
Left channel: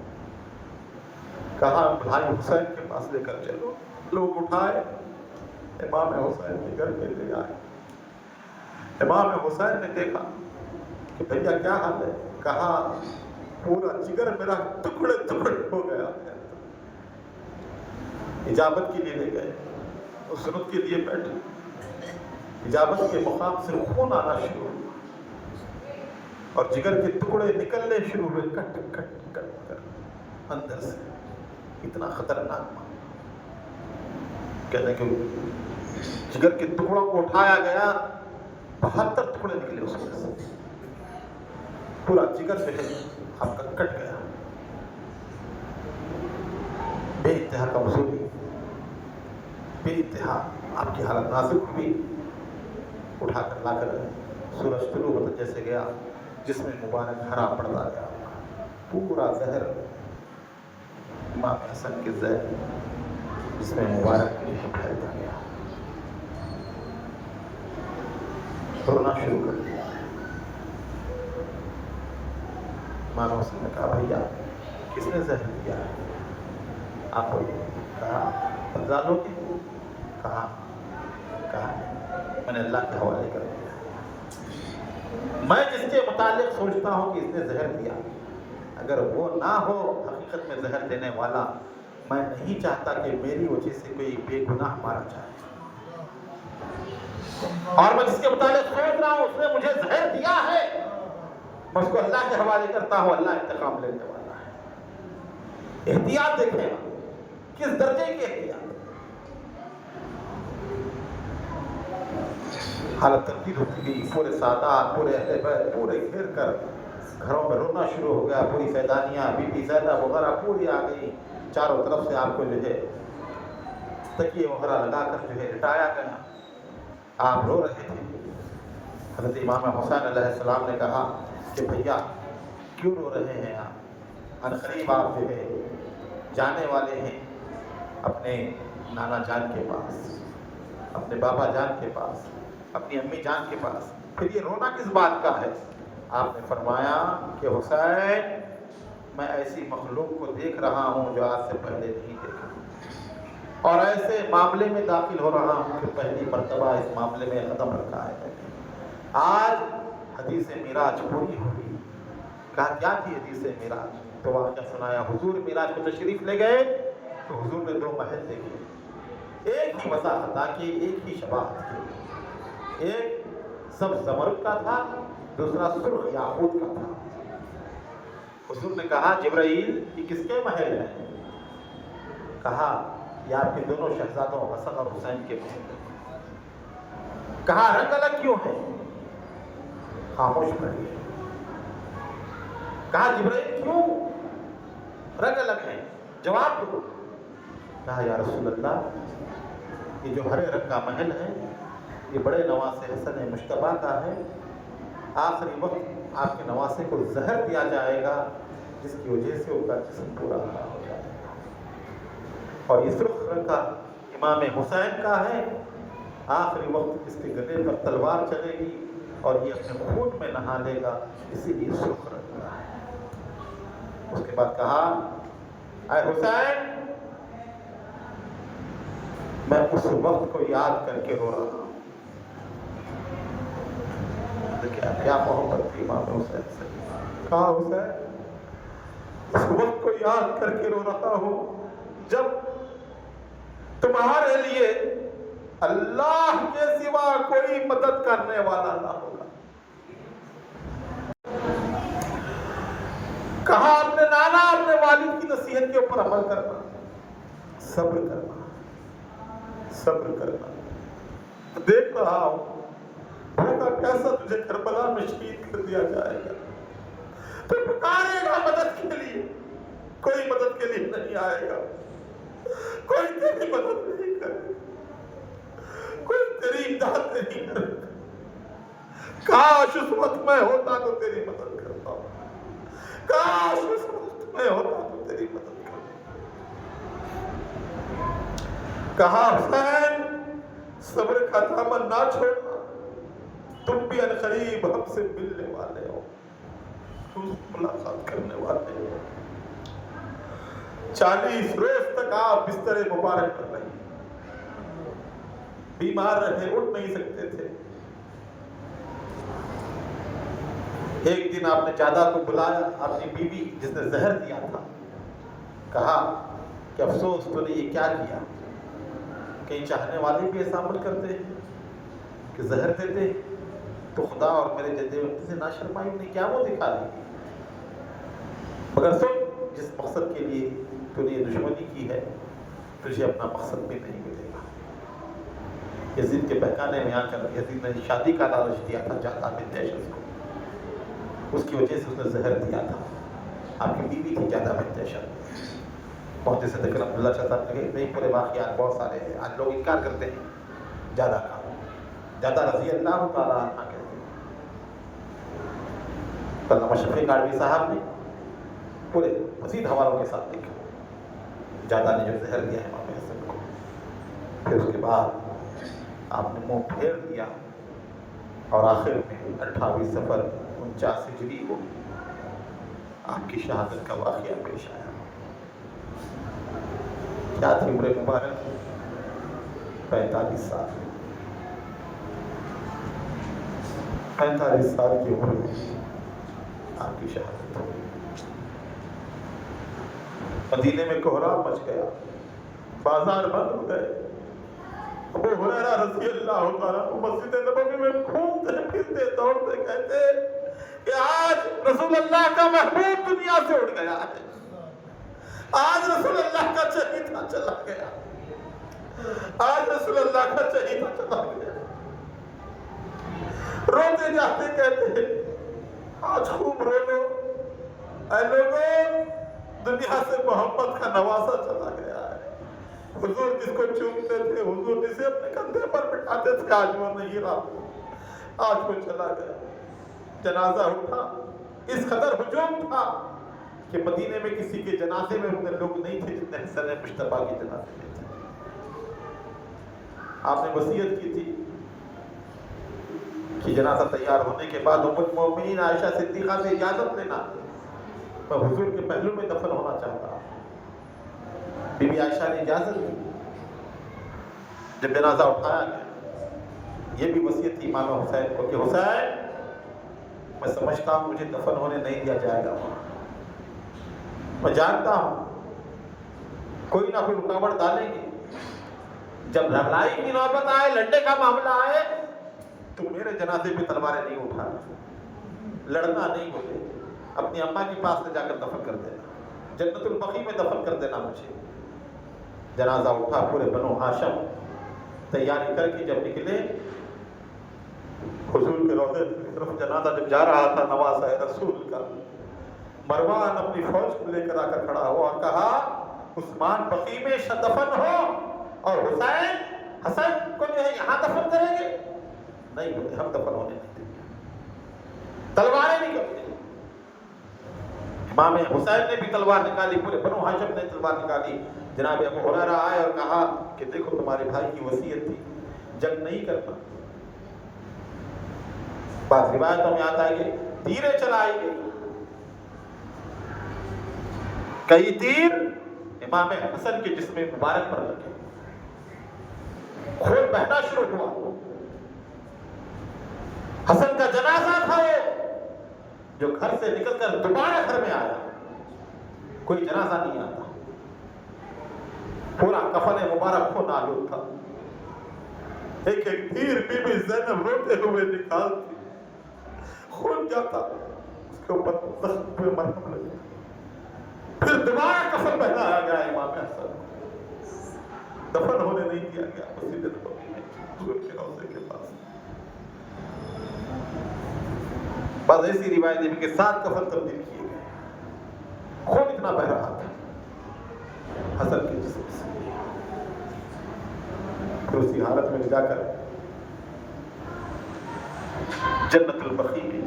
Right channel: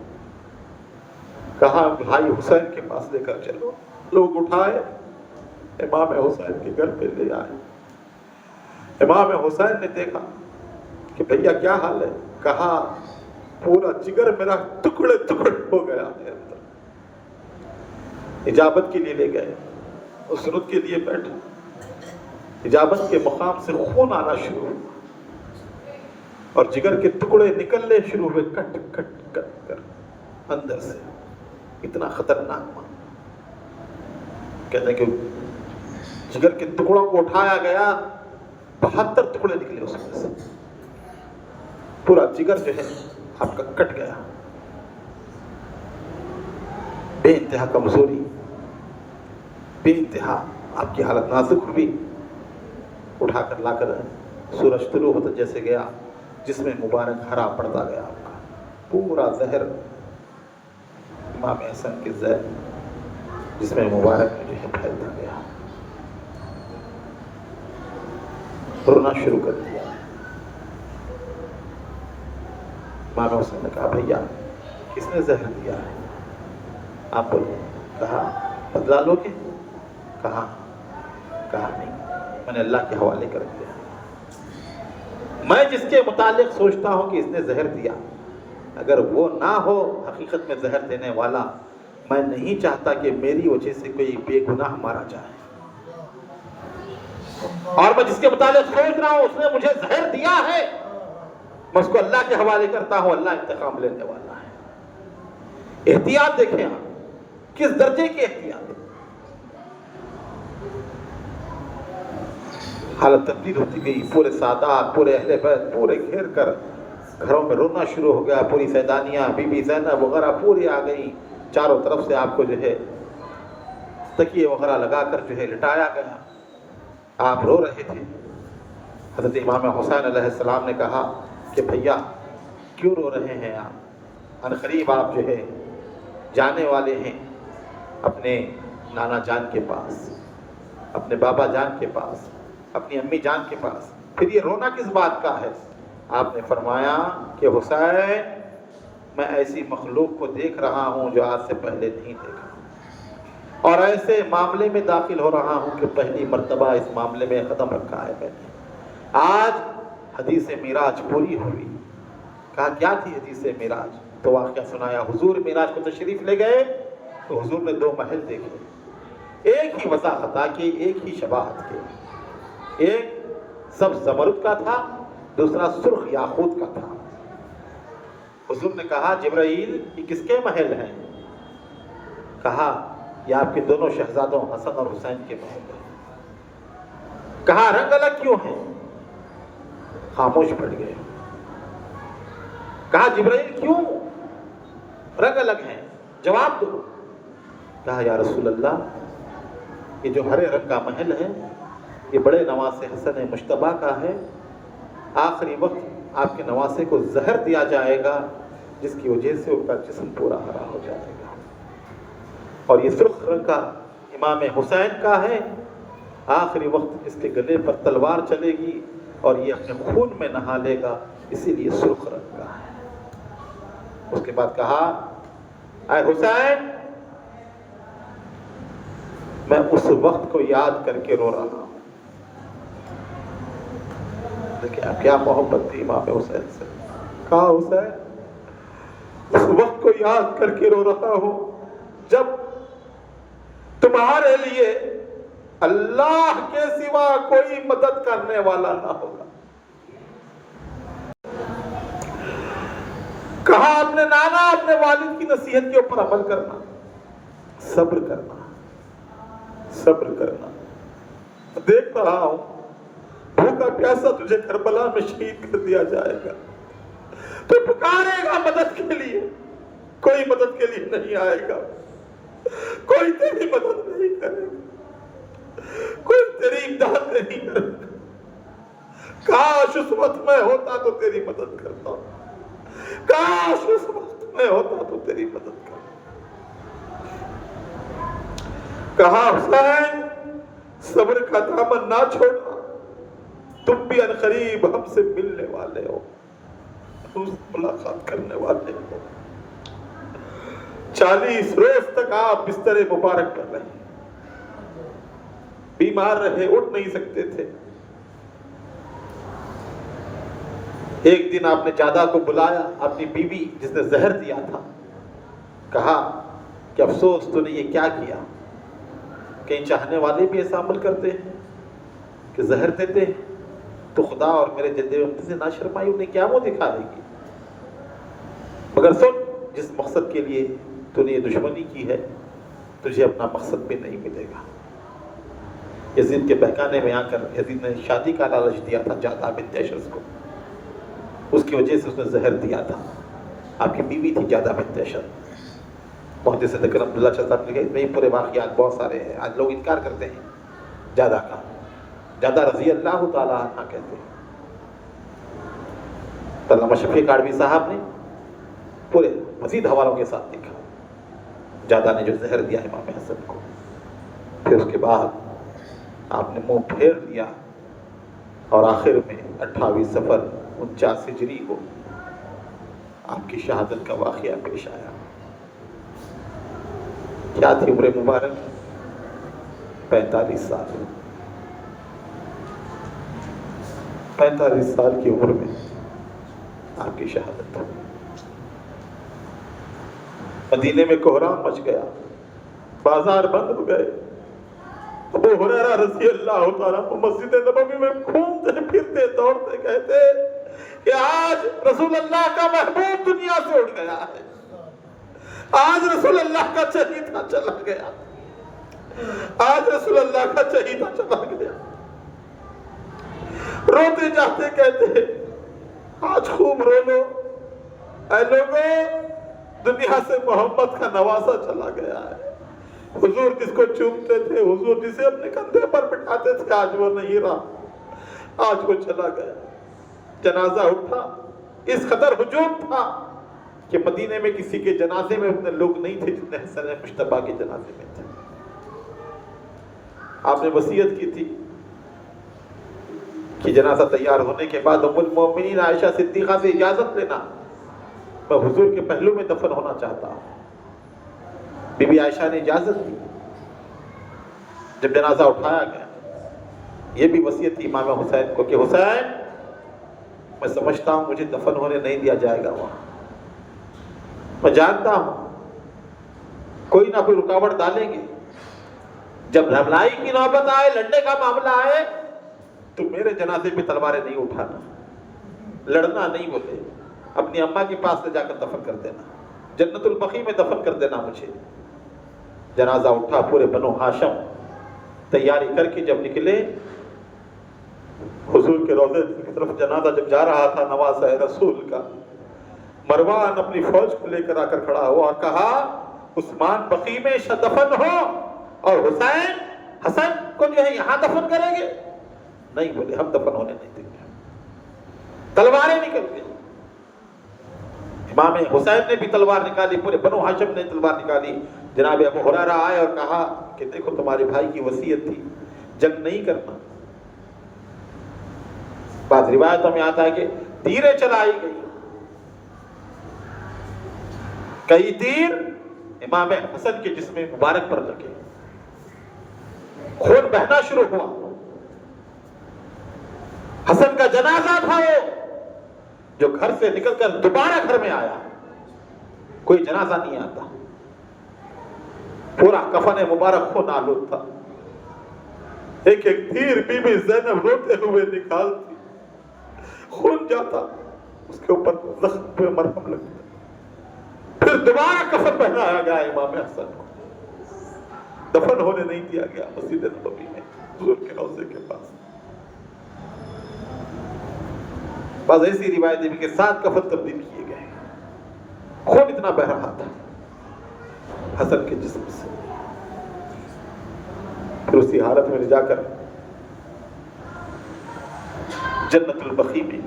کہا بھائی حسین کے پاس لے کر چلو، لوگ اٹھائے، امام حسین کے گھر پہ لے آئے، امام حسین نے دیکھا کہ بھیا کیا حال ہے، کہا پورا جگر میرا ٹکڑے ٹکڑے ہو گیا ہے۔ اجابت کے لیے لے گئے، اس سنت کے لیے بیٹھے، اجابت کے مقام سے خون آنا شروع ہوا اور جگر کے ٹکڑے نکلنے شروع ہوئے، کٹ کٹ کٹ کر اندر سے، اتنا خطرناک ہوا۔ کہتے ہیں کہ جگر کے ٹکڑوں کو اٹھایا گیا، 72 ٹکڑے نکلے اس میں سے، پورا جگر جو ہے آپ کا کٹ گیا، بے انتہا کمزوری، بے انتہا آپ کی حالت نازک ہوئی، اٹھا کر لا کر سورج طلوع ہوتا جیسے گیا، جس میں مبارک ہرا پڑتا گیا، پورا زہر امام حسن کے زہر جس میں مبارک جو ہے پھیلتا گیا، رونا شروع کر دیا۔ امام حسن نے کہا بھیا کس نے زہر دیا ہے، آپ بولو، کہا بدلا لو گے، کہا نہیں، میں نے اللہ کے حوالے کر دیا، میں جس کے متعلق سوچتا ہوں کہ اس نے زہر دیا، اگر وہ نہ ہو حقیقت میں زہر دینے والا، میں نہیں چاہتا کہ میری وجہ سے کوئی بے گناہ مارا جائے۔ اور میں جس کے متعلق سوچ رہا ہوں اس نے مجھے زہر دیا ہے، میں اس کو اللہ کے حوالے کرتا ہوں، اللہ انتقام لینے والا ہے۔ احتیاط دیکھیں آپ، کس درجے کی احتیاط۔ حالت تبدیل ہوتی گئی، پورے سادات، پورے اہل بیت پورے گھیر کر گھروں میں رونا شروع ہو گیا، پوری سیدانیاں، بی بی زینب وغیرہ پوری آ گئی، چاروں طرف سے آپ کو جو ہے تکیے وغیرہ لگا کر جو ہے لٹایا گیا، آپ رو رہے تھے۔ حضرت امام حسین علیہ السلام نے کہا کہ بھیا کیوں رو رہے ہیں آپ؟ عنقریب آپ جو ہے جانے والے ہیں اپنے نانا جان کے پاس، اپنے بابا جان کے پاس، اپنی امی جان کے پاس، پھر یہ رونا کس بات کا ہے؟ آپ نے فرمایا کہ حسین میں ایسی مخلوق کو دیکھ رہا ہوں جو آج سے پہلے نہیں دیکھا، اور ایسے معاملے میں داخل ہو رہا ہوں کہ پہلی مرتبہ اس معاملے میں قدم رکھا ہے میں نے۔ آج حدیث معراج پوری ہوئی۔ کہا کیا تھی حدیث معراج؟ تو واقعہ سنایا، حضور معراج کو تشریف لے گئے تو حضور نے 2 محل دیکھے، ایک ہی وضاحت تھا کہ ایک ہی شباہت کے، ایک سبز زمرد کا تھا، دوسرا سرخ یاقوت کا تھا۔ حضور نے کہا جبرائیل یہ کس کے محل ہیں؟ کہا یہ آپ کے دونوں شہزادوں حسن اور حسین کے محل ہیں۔ کہا رنگ الگ کیوں ہیں؟ خاموش پڑ گئے۔ کہا جبرائیل کیوں رنگ الگ ہیں؟ جواب دو۔ کہا یا رسول اللہ یہ جو ہرے رنگ کا محل ہے یہ بڑے نواسے حسن مشتبہ کا ہے، آخری وقت آپ کے نواسے کو زہر دیا جائے گا جس کی وجہ سے ان کا جسم پورا ہرا ہو جائے گا، اور یہ سرخ رنگ کا امام حسین کا ہے، آخری وقت اس کے گلے پر تلوار چلے گی اور یہ اپنے خون میں نہا لے گا، اسی لیے سرخ رنگ کا ہے۔ اس کے بعد کہا اے حسین میں اس وقت کو یاد کر کے رو رہا ہوں۔ دیکھیں کیا محبت تھی امام حسین سے۔ کہا حسین اس وقت کو یاد کر کے رو رہا ہوں جب تمہارے لیے اللہ کے سوا کوئی مدد کرنے والا نہ ہوگا۔ کہا اپنے نانا اپنے والد کی نصیحت کے اوپر عمل کرنا، صبر کرنا، صبر کرنا۔ دیکھ رہا ہوں بھوکا پیاسا تجھے کربلا میں شہید کر دیا جائے گا، تو پکارے گا مدد کے لیے، کوئی مدد کے لیے نہیں آئے گا، کوئی تیری مدد نہیں کرے گا، کوئی تیری امداد نہیں کرے گا۔ کاش اس وقت میں ہوتا تو تیری مدد کرتا، کاش اس وقت میں ہوتا تو تیری مدد کرتا۔ کہا حسین صبر کا دامن نہ چھوڑنا، تم بھی عنقریب ہم سے ملنے والے ہو، ہم سے ملاقات کرنے والے ہو۔ 40 روز تک آپ بستر مبارک کر رہے ہیں، بیمار رہے، اٹھ نہیں سکتے تھے۔ ایک دن آپ نے جادہ کو بلایا، اپنی بیوی جس نے زہر دیا تھا، کہا کہ افسوس تو نے یہ کیا کیا؟ کہیں چاہنے والے بھی ایسا عمل کرتے ہیں کہ زہر دیتے ہیں تو خدا اور میرے دیتے ہوئے نہ شرمائی انہیں کیا وہ دکھا دیں گی، مگر سن جس مقصد کے لیے تو نے یہ دشمنی کی ہے تجھے اپنا مقصد بھی نہیں ملے گا۔ یزید کے بہکانے میں آ کر یزید نے شادی کا لالچ دیا تھا جادہ بنت اشرس کو، اس کی وجہ سے اس نے زہر دیا تھا۔ آپ کی بیوی تھی جادہ بنت اشرس۔ محدث ذکر عبداللہ شاہ صاحب نے کہا نہیں پورے واقعات بہت سارے ہیں، آج لوگ انکار کرتے ہیں جادہ کا، جادہ رضی اللہ تعالیٰ عنہ کہتے ہیں۔ علامہ شفیق آڑوی صاحب نے پورے مزید حوالوں کے ساتھ لکھا جادہ نے جو زہر دیا امام حسن کو۔ پھر اس کے بعد آپ نے منہ پھیر لیا اور آخر میں 28 صفر 49 ہجری کو آپ کی شہادت کا واقعہ پیش آیا۔ کیا تھی عمر مبارک؟ 45 سال۔ 45 سال کی عمر میں آپ کی شہادت ہو۔ مدینے میں کوہرام مچ گیا، بازار بند ہو گئے۔ ابو ہریرہ رضی اللہ تعالیٰ مسجد نبوی میں گھومتے پھرتے دوڑتے کہتے کہ آج رسول اللہ کا محبوب دنیا سے اٹھ گیا ہے، آج رسول اللہ کا چہیتا چلا گیا، آج رسول اللہ کا چہیتا چلا گیا۔ روتے جاتے کہتے آج خوب رو لو اے لوگوں، دنیا سے محمد کا نواسا چلا گیا ہے۔ حضور جس کو چومتے تھے، حضور جسے اپنے کندھے پر بٹھاتے تھے، آج وہ نہیں رہا، آج وہ چلا گیا۔ جنازہ اٹھا، اس قدر ہجوم تھا کہ مدینے میں کسی کے جنازے میں اتنے لوگ نہیں تھے جتنے حسن مجتبیٰ کے جنازے میں تھے۔ آپ نے وصیت کی تھی کہ جنازہ تیار ہونے کے بعد ام المومنین عائشہ صدیقہ سے اجازت لینا، میں حضور کے پہلو میں دفن ہونا چاہتا ہوں۔ بی بی عائشہ نے اجازت دی۔ جب جنازہ اٹھایا گیا، یہ بھی وصیت تھی امام حسین کو کہ حسین، میں سمجھتا ہوں مجھے دفن ہونے نہیں دیا جائے گا وہاں، میں جانتا ہوں کوئی نہ کوئی رکاوٹ ڈالیں گے، جب لڑائی کی نوبت آئے، لڑنے کا معاملہ آئے تو میرے جنازے پہ تلواریں نہیں اٹھانا، لڑنا نہیں مجھے، اپنی اماں کے پاس لے جا کر دفن کر دینا، جنت البقیع میں دفن کر دینا مجھے۔ جنازہ اٹھا، پورے بنو ہاشم تیاری کر کے جب نکلے، حضور کے روضے کی طرف جنازہ جب جا رہا تھا نواسہ رسول کا، مروان اپنی فوج کو لے کر آ کر کھڑا ہوا اور کہا عثمان بقیع میں دفن ہو اور حسین حسن کو جو ہے یہاں دفن کریں گے؟ نہیں بولے، ہم دفن ہونے نہیں دیں گے، تلواریں نکل گئی۔ امام حسین نے بھی تلوار نکالی، پورے بنو ہاشم نے تلوار نکالی۔ جناب ابو ہریرہ آئے اور کہا کہ دیکھو تمہارے بھائی کی وصیت تھی جنگ نہیں کرنا۔ بعض روایتوں میں آتا ہے کہ تیریں چلائی گئی، کئی تیر امام حسن کے جسم مبارک پر لگے، خون بہنا شروع ہوا۔ حسن کا جنازہ تھا جو گھر سے نکل کر دوبارہ گھر میں آیا، کوئی جنازہ نہیں آتا، پورا کفن مبارک خون آلود تھا۔ ایک ایک تیر بی بی زینب روتے ہوئے نکالتی، خون جاتا، اس کے اوپر زخم پہ مرہم لگتا، پھر دوبارہ کفن پہنایا گیا امام حسن، دفن ہونے نہیں دیا گیا مسجد نبوی میں حضور کے روضے کے پاس۔ بعض ایسی روایتیں بھی کہ 7 کفن تبدیل کیے گئے، خون اتنا بہ رہا تھا حسن کے جسم سے۔ پھر اسی حالت میں لے جا کر جنت البقیع میں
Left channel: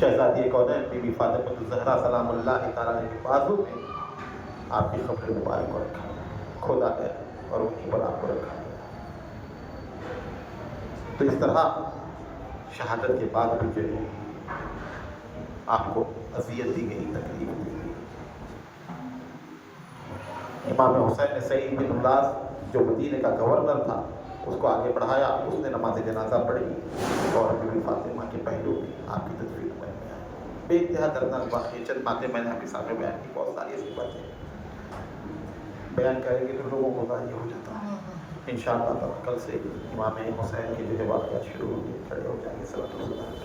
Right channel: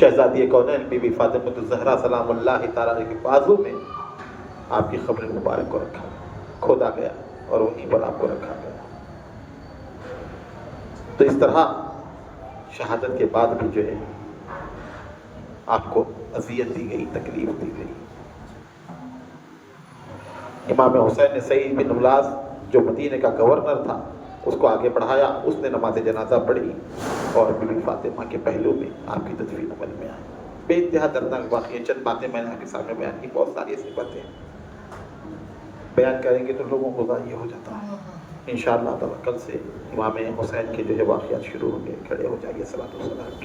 شہزادی کونین بی بی فاطمہ الزہرا سلام اللہ تعالیٰ کے بازو میں آپ کی قبر مبارک کو کھودا گیا اور وہیں پر آپ کو رکھا گیا۔ تو اس طرح شہادت کے بعد بھی جو ہے آپ کو اذیت دی گئی، تکلیف دی گئی۔ امام حسین نے سعید بن ملاس جو مدینے کا گورنر تھا اس کو آگے بڑھایا، اس نے نماز جنازہ پڑھی اور بی بی فاطمہ کے پہلو میں آپ کی تدفین عمل میں آئی۔ بے انتہا دردناک واقعہ، چند باتیں میں نے آپ کے سامنے بیان کی، بہت ساری ایسی باتیں بیان کریں گے تو لوگوں کو ضائع ہو جاتا ہے۔ انشاءاللہ کل سے امام حسین کے جو ہے واقعات شروع ہوں گے، کھڑے ہو جائیے، صلوات و سلام۔